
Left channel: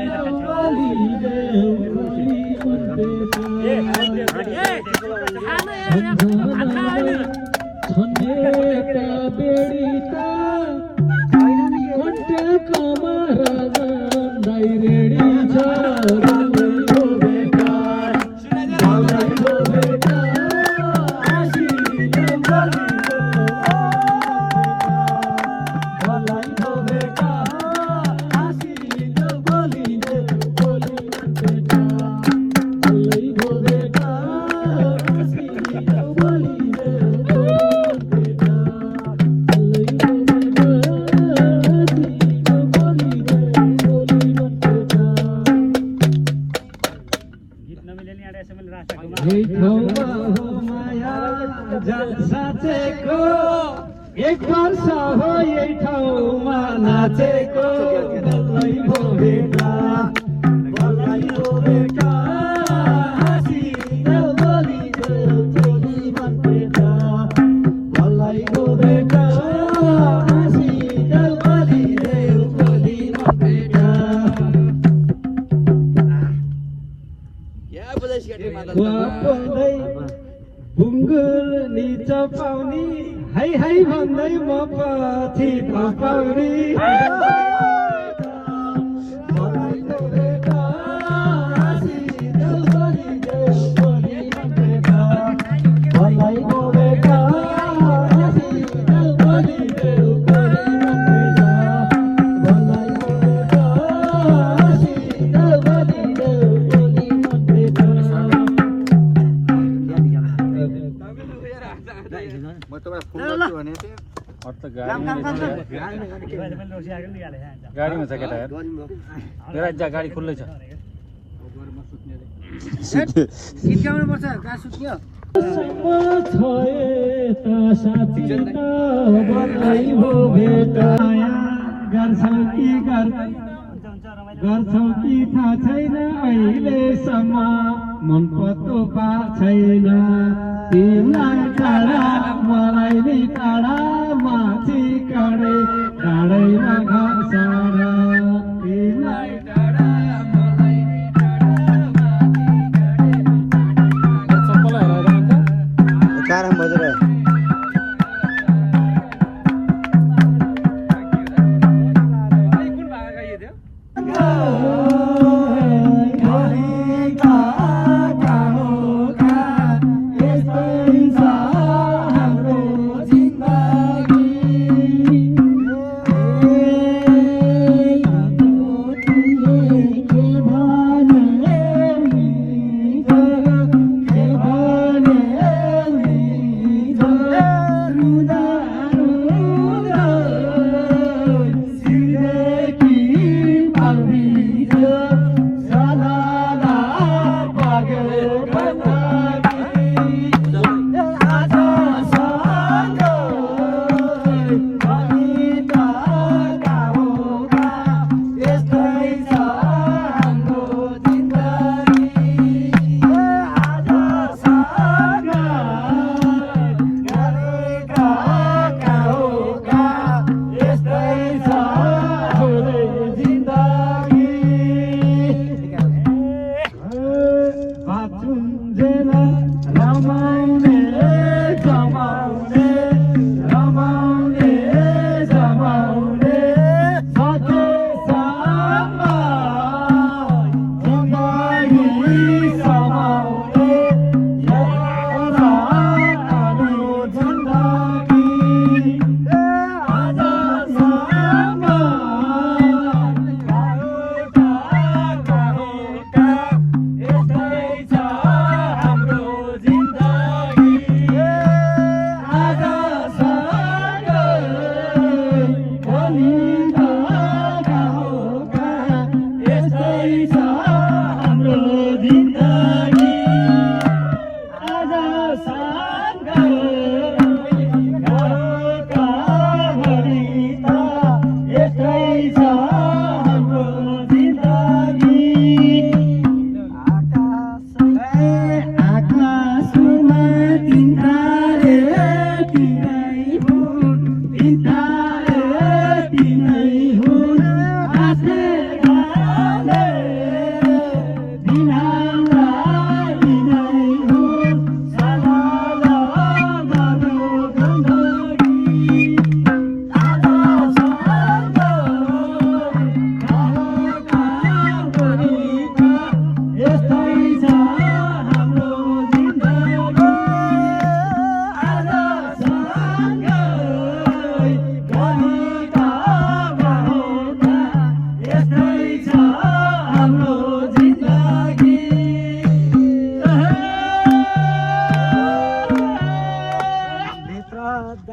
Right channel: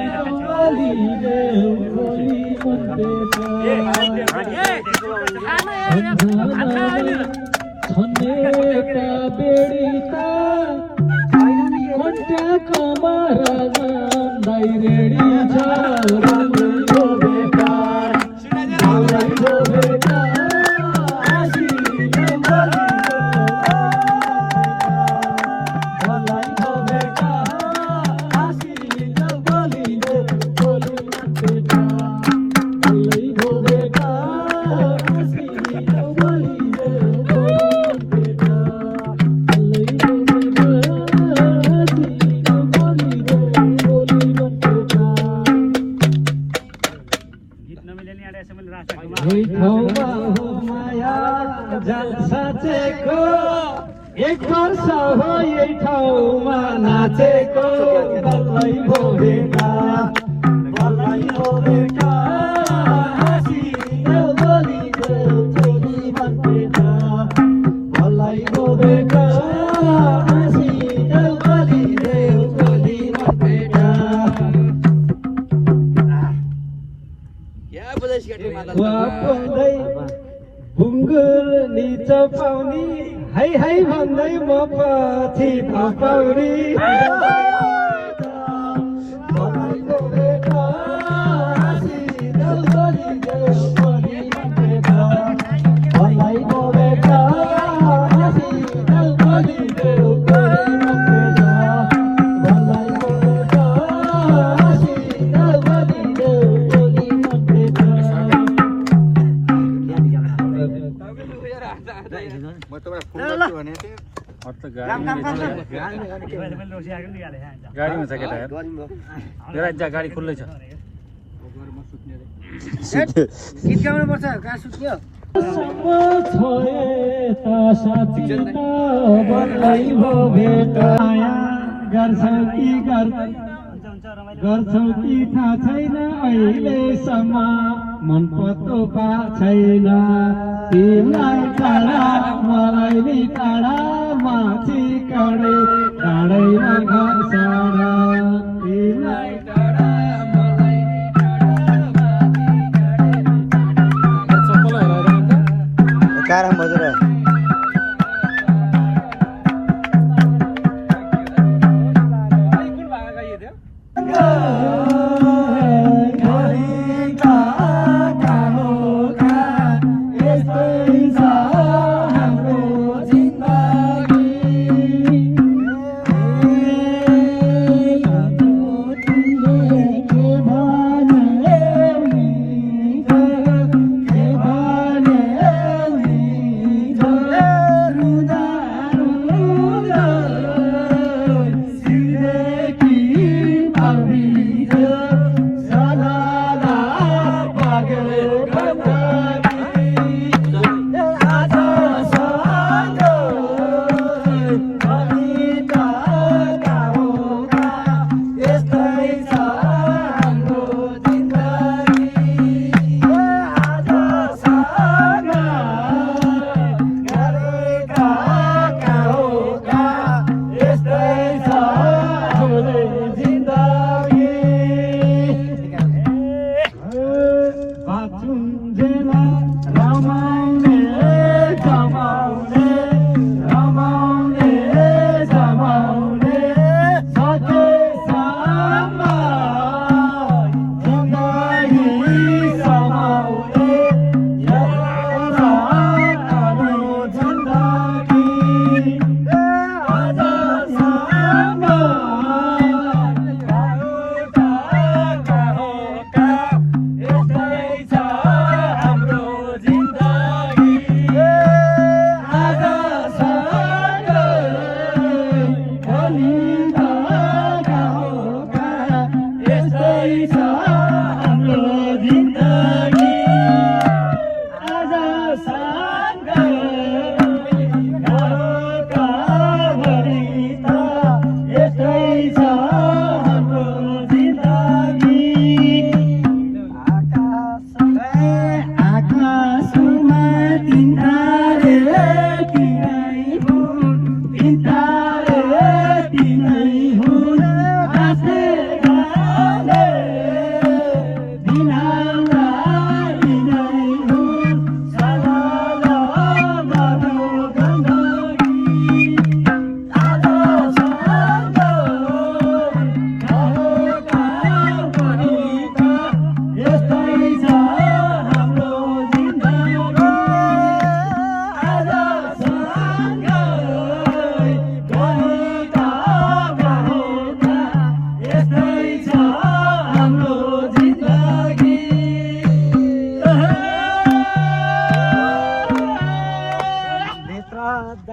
जाऊ बलि देऊ बलि एक वर्ष हो यही ठाउँमा नाचेको बल्लै हो बेटा बल्लै हो बेटा हाँसिदेऊ बोलिदेऊ चोली भन्देटा बल्लै हो बेटा हाँसिदेऊ बोलिदेऊ चोली भन्देटा भुङ्गुर निचपाउने है है भन्दै म पछि पौडी बल्लै हो बेटा हाँसिदेऊ बोलिदेऊ चोली भन्देटा बल्लै हो बेटा हाँसिदेऊ बोलिदेऊ चोली भन्देटा बल्लै हो बेटा हाँसिदेऊ बोलिदेऊ चोली भन्देटा म तपाईँ फोन गर्छु भने थियो गाडीमा छ केटा हेर गाडी खुल्लै छ साथी त बल्लै हो भेटा गर्छौ कि गर्छौ कि थाहा छैन अहिलेसम्म मन पत्तो पा छैन तिमीलाई टाढा मलाई नि टाढा माथि काँडे टाढैमा घर साडा तिमीलाई टाढा मलाई नि टाढा माथि काँडे कारम बजेर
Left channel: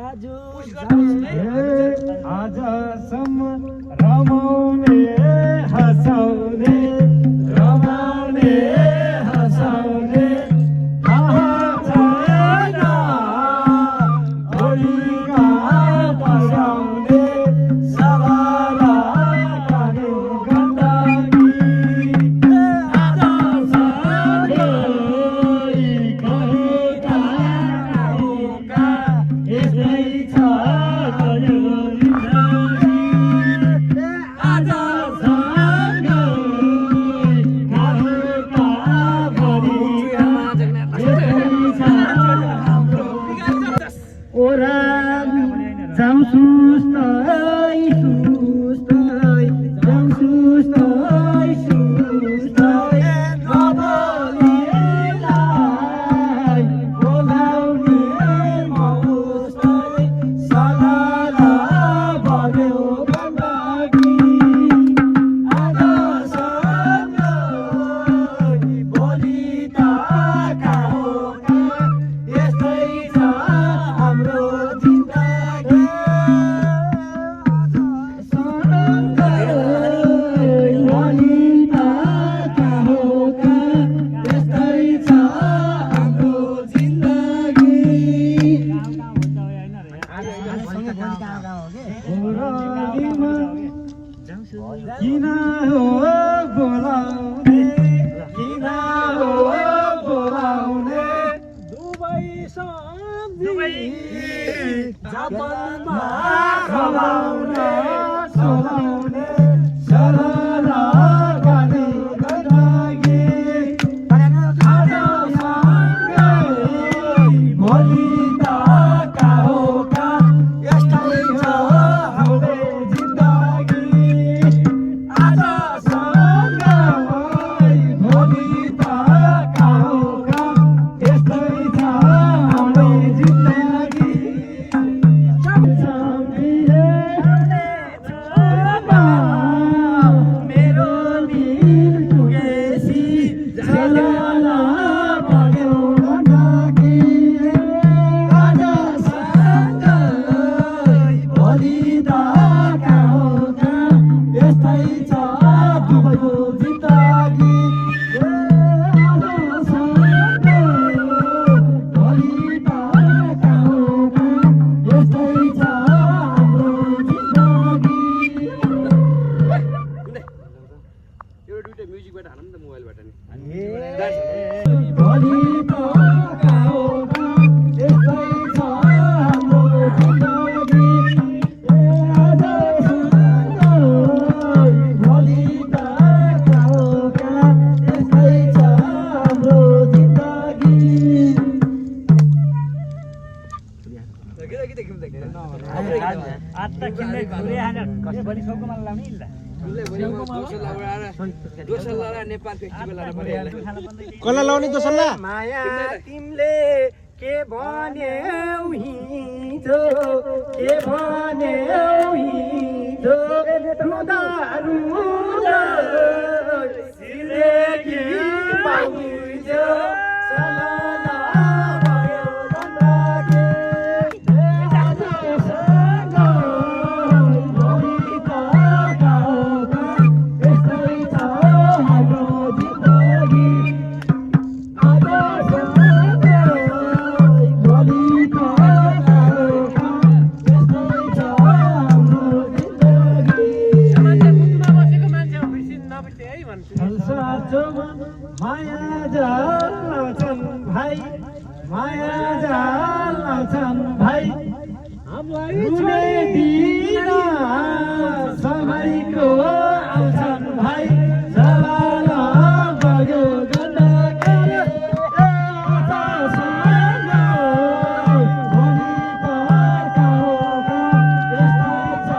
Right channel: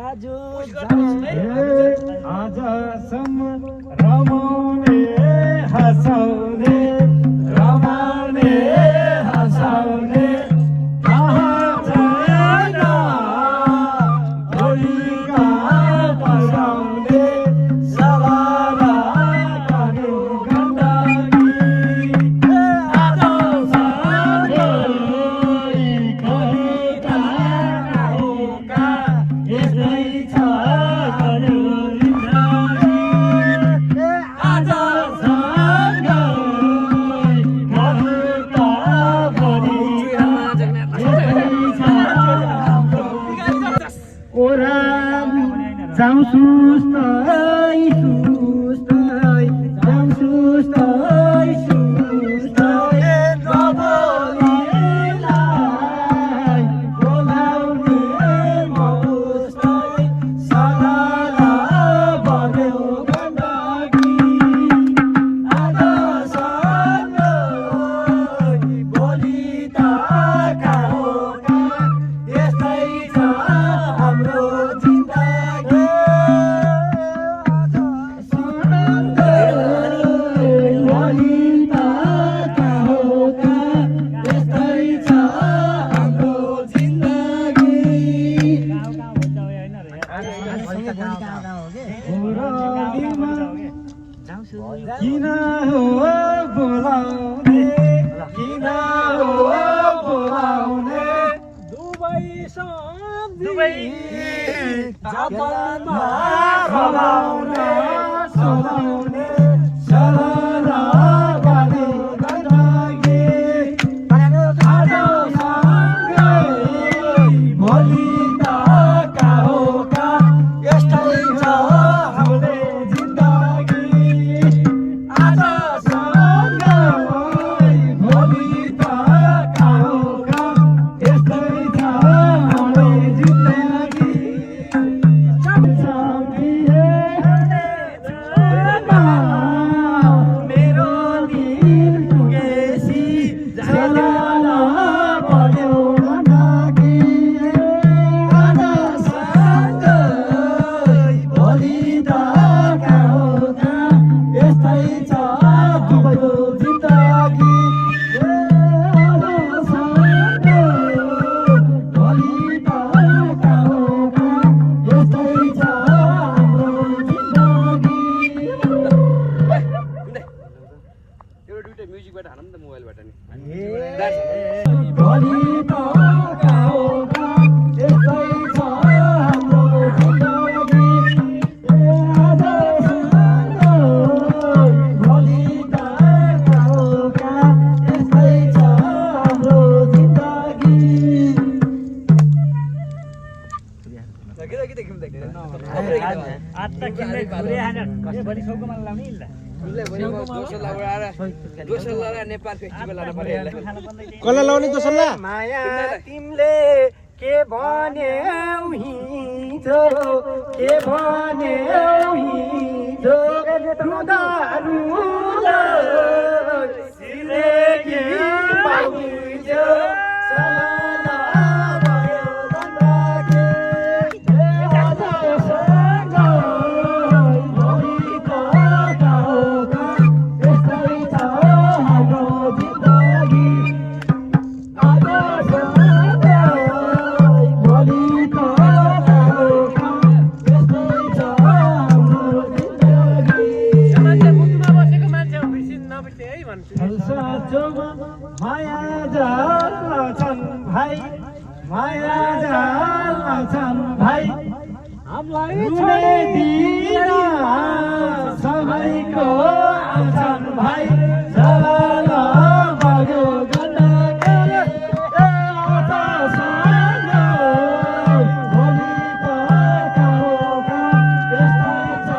आजसम्म रमाउने हँसाउने रमाउने हँसाउने भोलिका बसाउने सवारा कानु गण्डकी किन हो बोलाउने किन हो बोलाउने दुबई जापानमा खलाउने सोलाउने सरला बानु गण्डकी भोलि त काहोका यस्तै छ हाम्रो जिन्दगी म्युजिकबाट हालौँ न त मोबाइलबाट नि माया तिमीले के भन्यौ हिजो के भन्यौ हिजो रुँदा रुँदा सिलेकी पाइजो सलाला भयो गण्डकी आजसँग भोलि त गाउँका यस्तै छ हाम्रो जिन्दगी माया जान्छन् भाइ माया जान्छन् भाइ हामीलाई छोडिदिन सबैको आउँछन् भाइ सला भयो गण्डकी भोलि त गाउँका यस्तै छ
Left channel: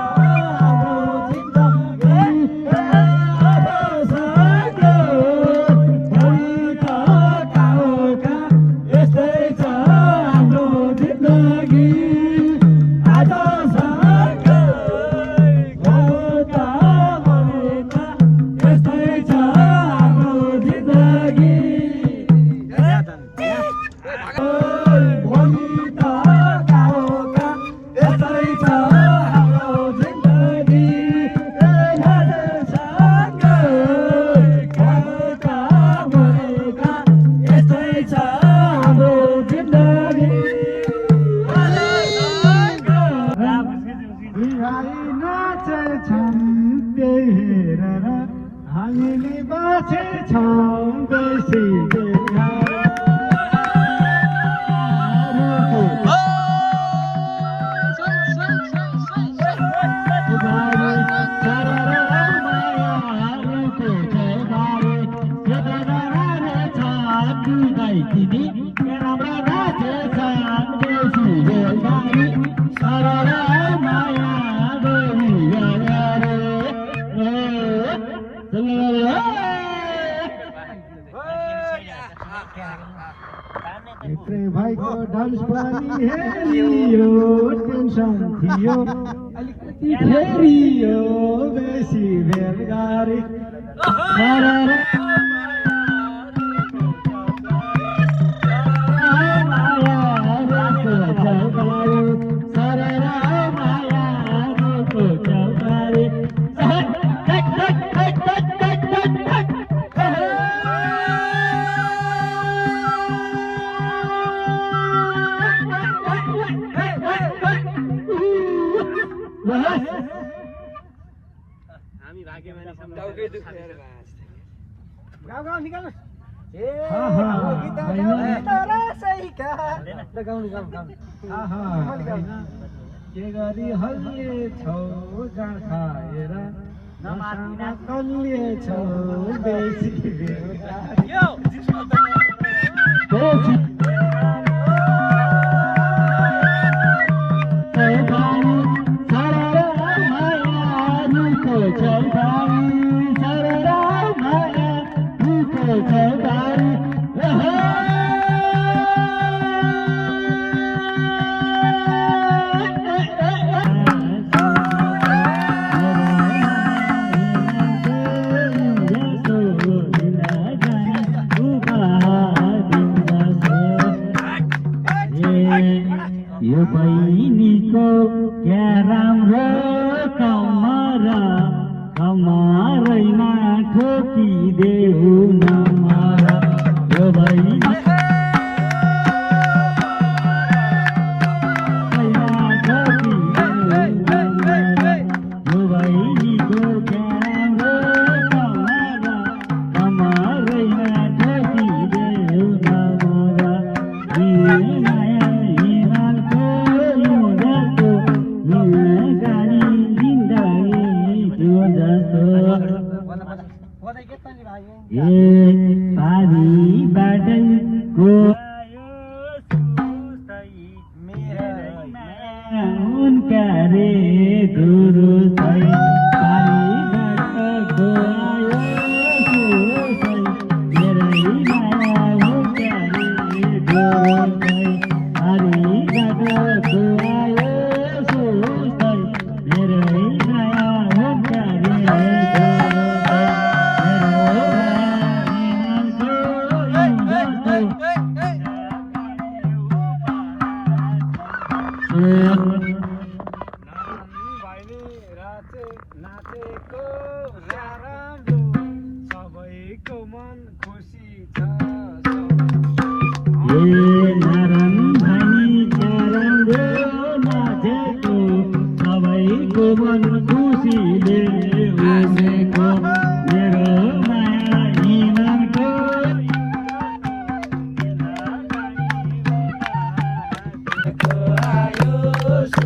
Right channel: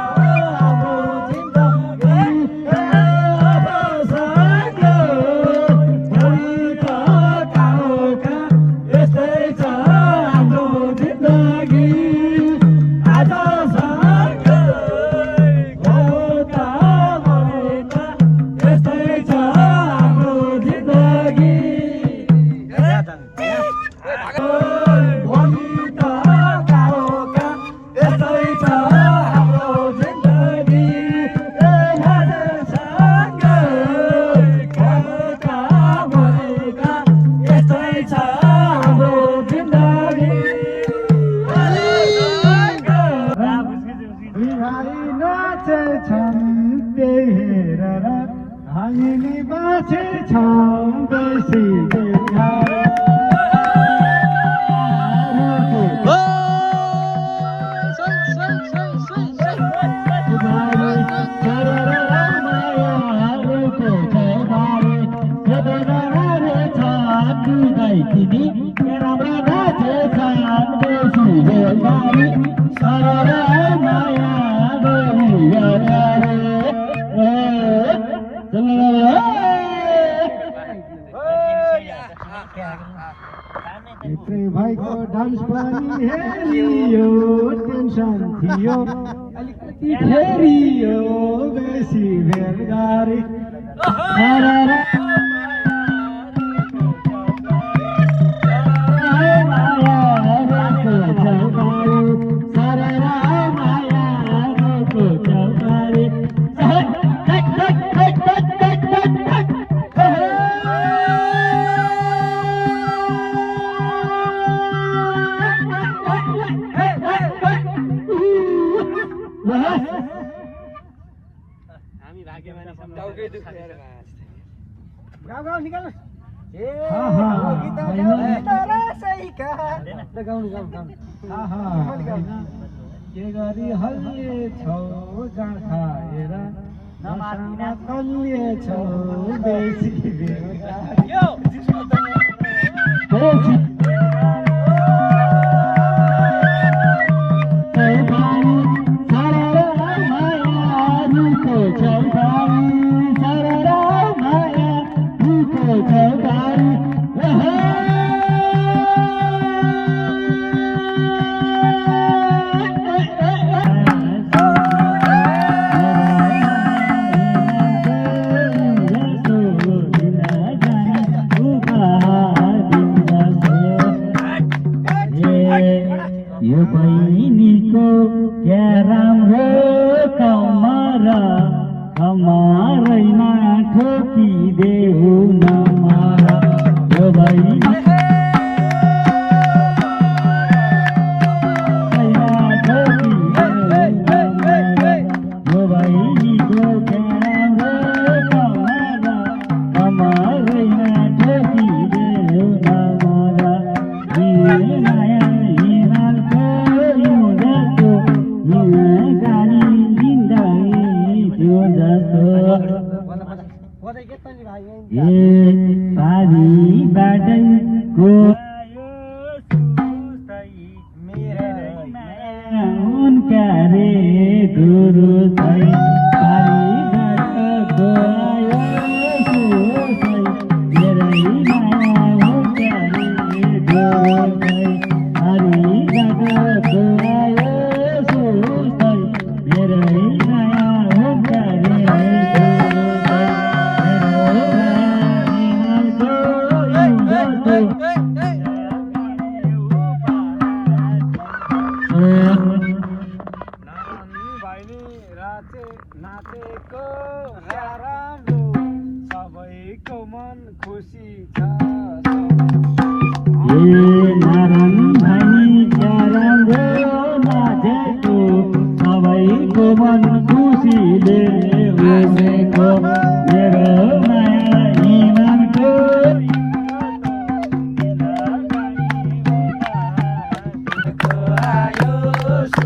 हाम्रो जिन्दगी नाचेछौ बेसी बेगारी भाइको डान्स पनि हेरियो टेन्सन थियो अलिकति फेरियो बेसी भेटगारी के गरी हल्लिएछौ जाँ खाएर नमार्दिन कल्लिएछौ बेसी यो बहिनीको क्या राम्रो कमरैमा ठोकिदेऊ नमरा यो बहिनी नाचेको राम्रो सबैको मन खुसी छ नारायण भाइ राम्रो नाचेको सबैको मन खुसीले उठेको मेरो माया हिमालको आयो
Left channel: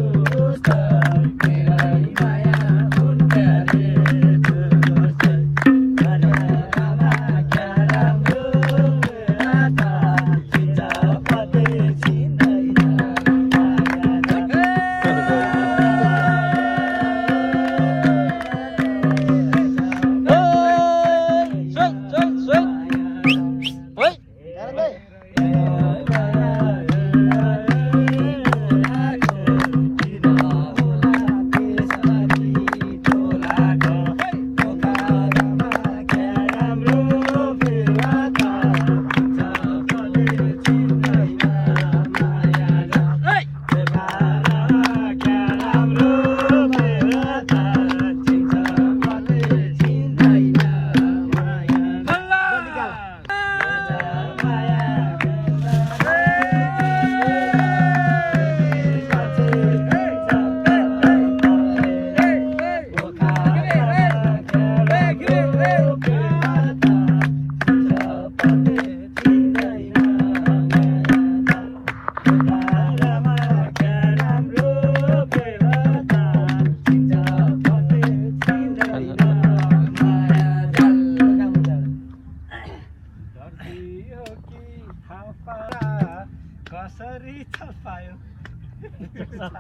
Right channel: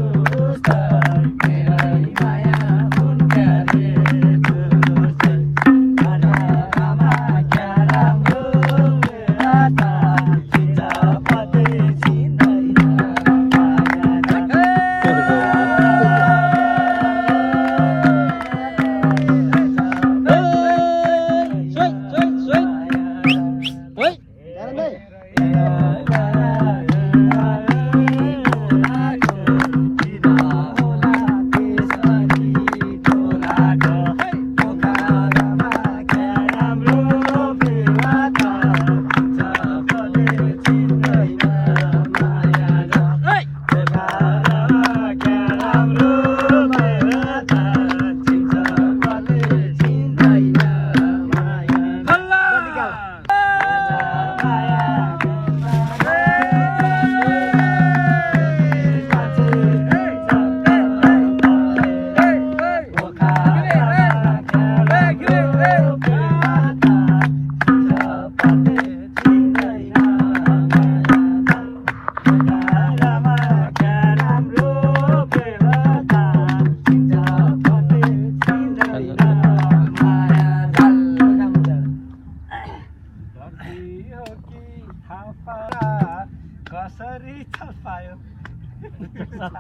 Soledad,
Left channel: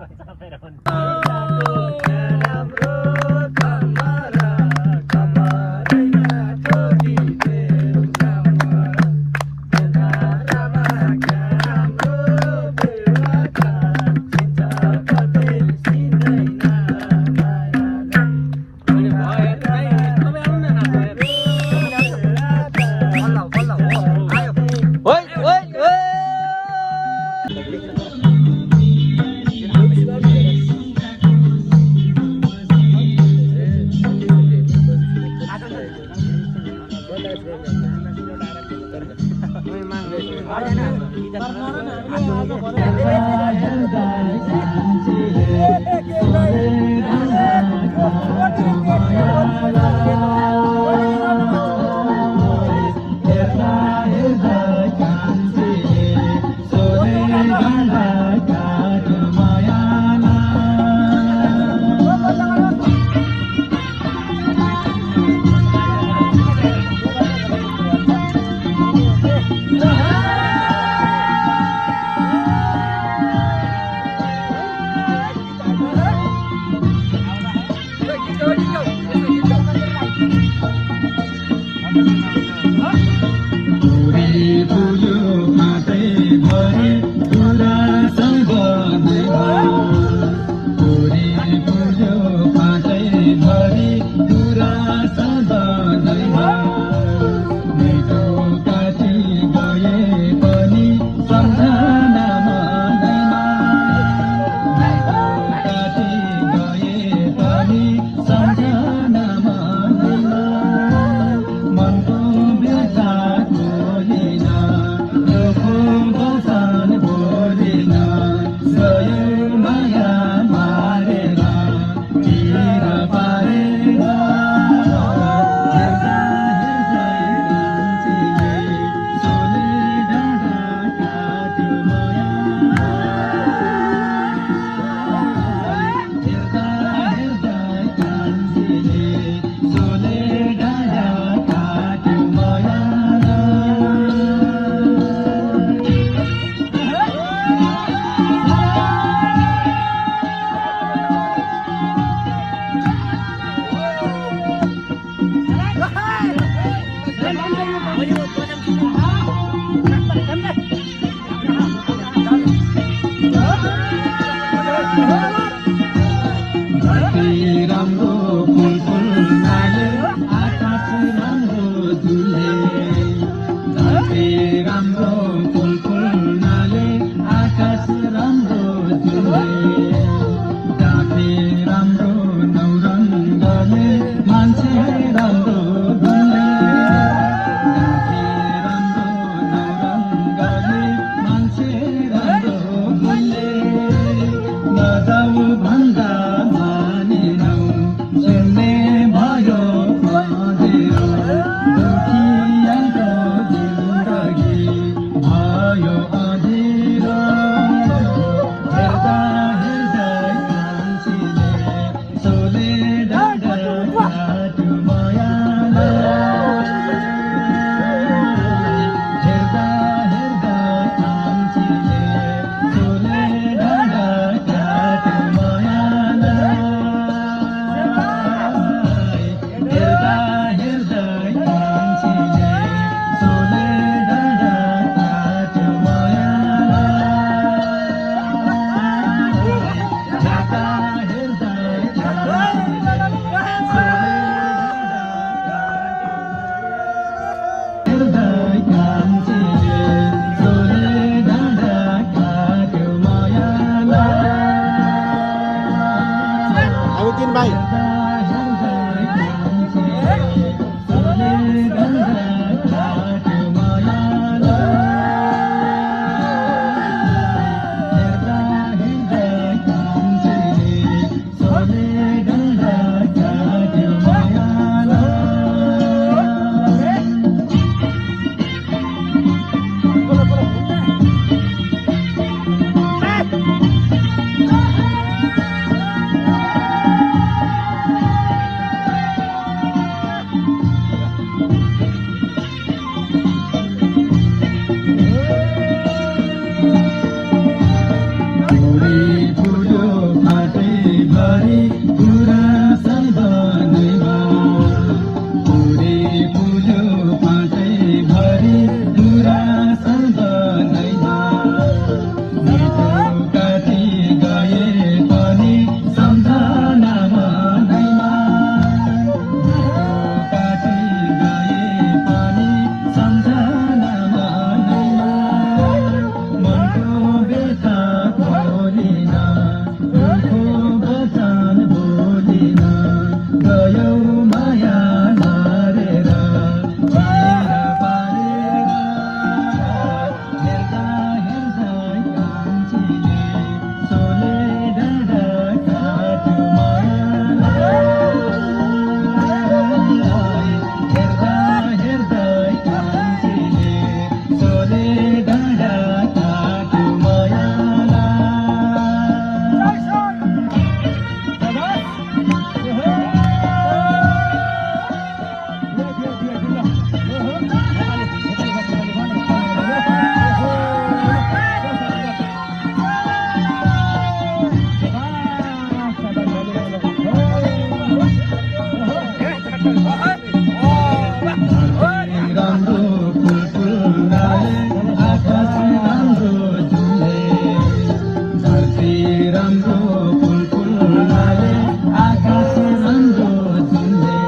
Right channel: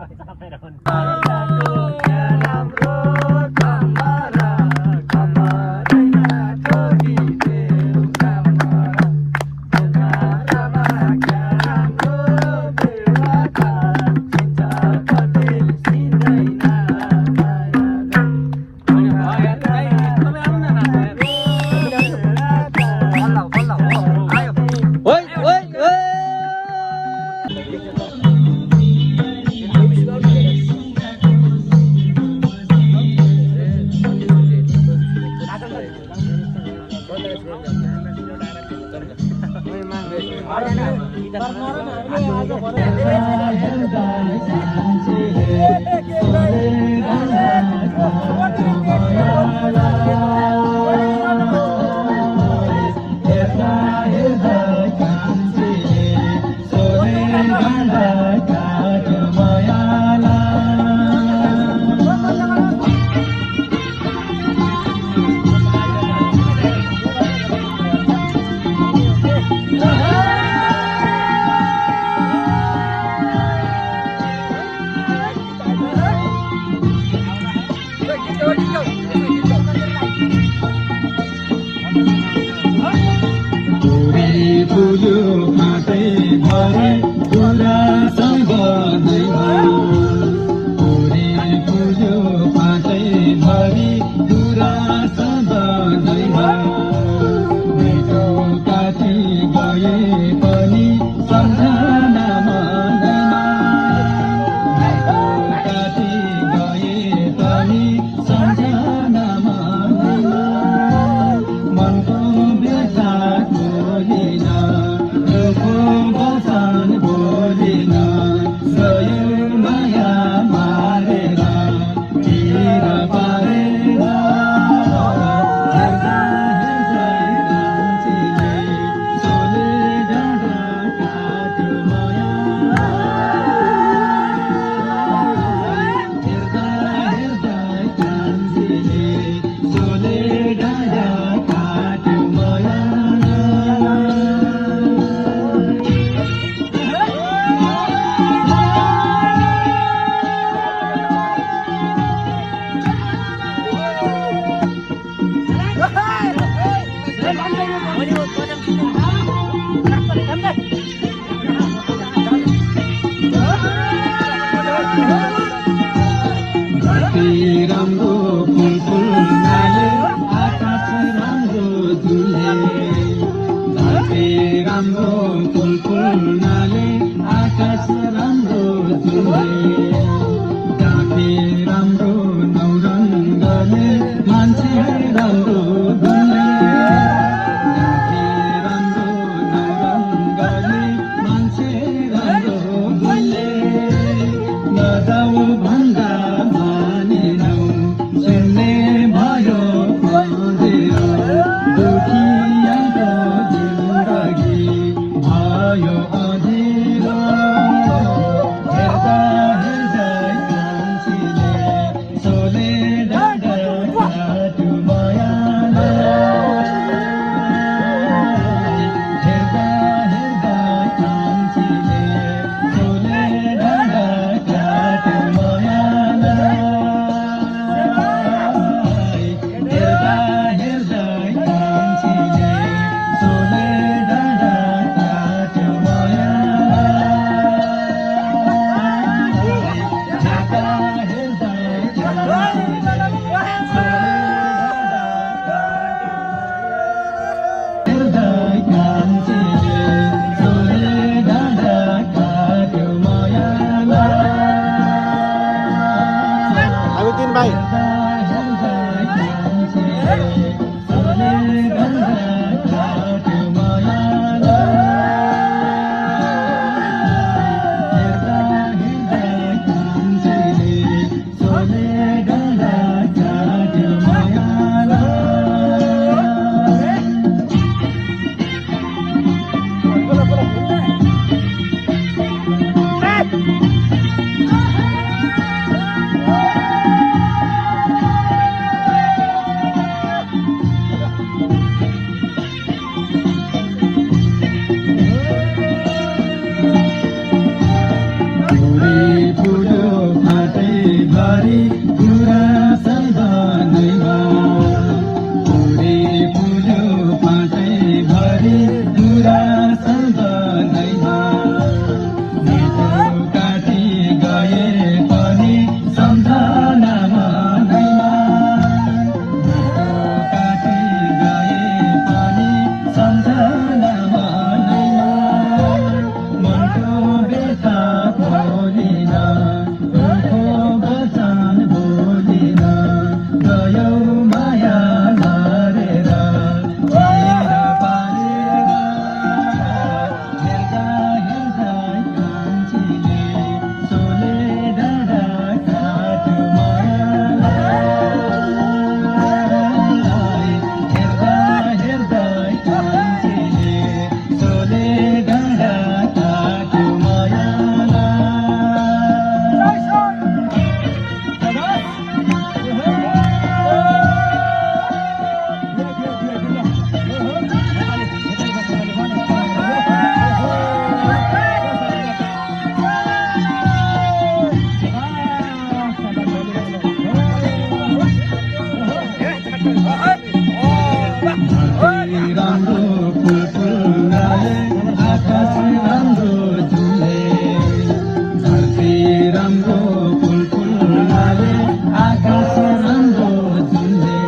राम्रो फुल फुलाले आकाश राम्रो झुले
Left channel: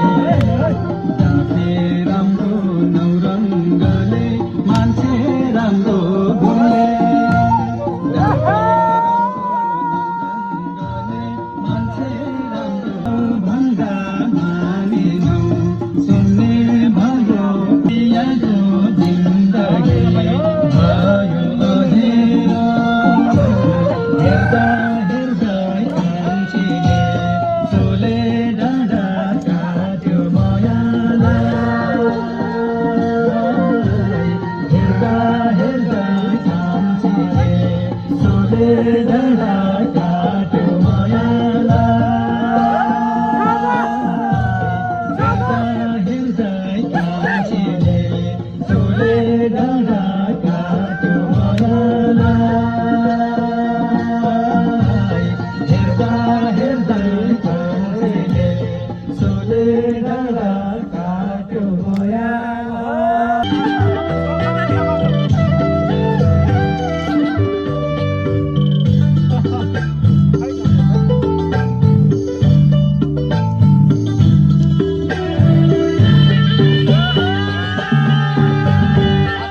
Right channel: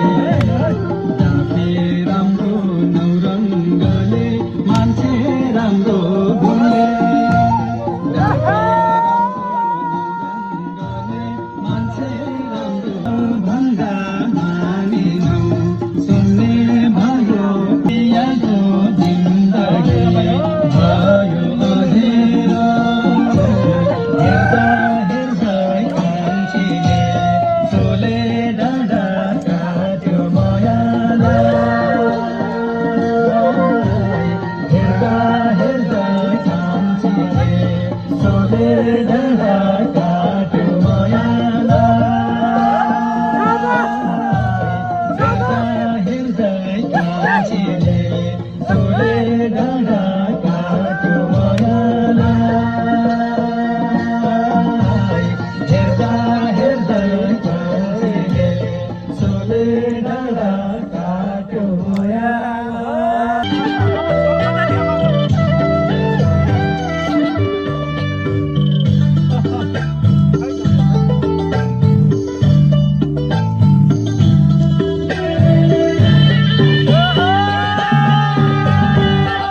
डाके राम्रो नौरङ्गले मान्छे राम्रो बोले डाके राम्रो नौरङ्गले मान्छे राम्रो भन्दा मानेनौ सुन्ने भयो पियाको जिन्दगी भयो अँधेरो हेर्दा हेर्दै कान्छीले सोले डाँडा काट्यो मायालाई हेर्दा हेर्दै कान्छीले सोले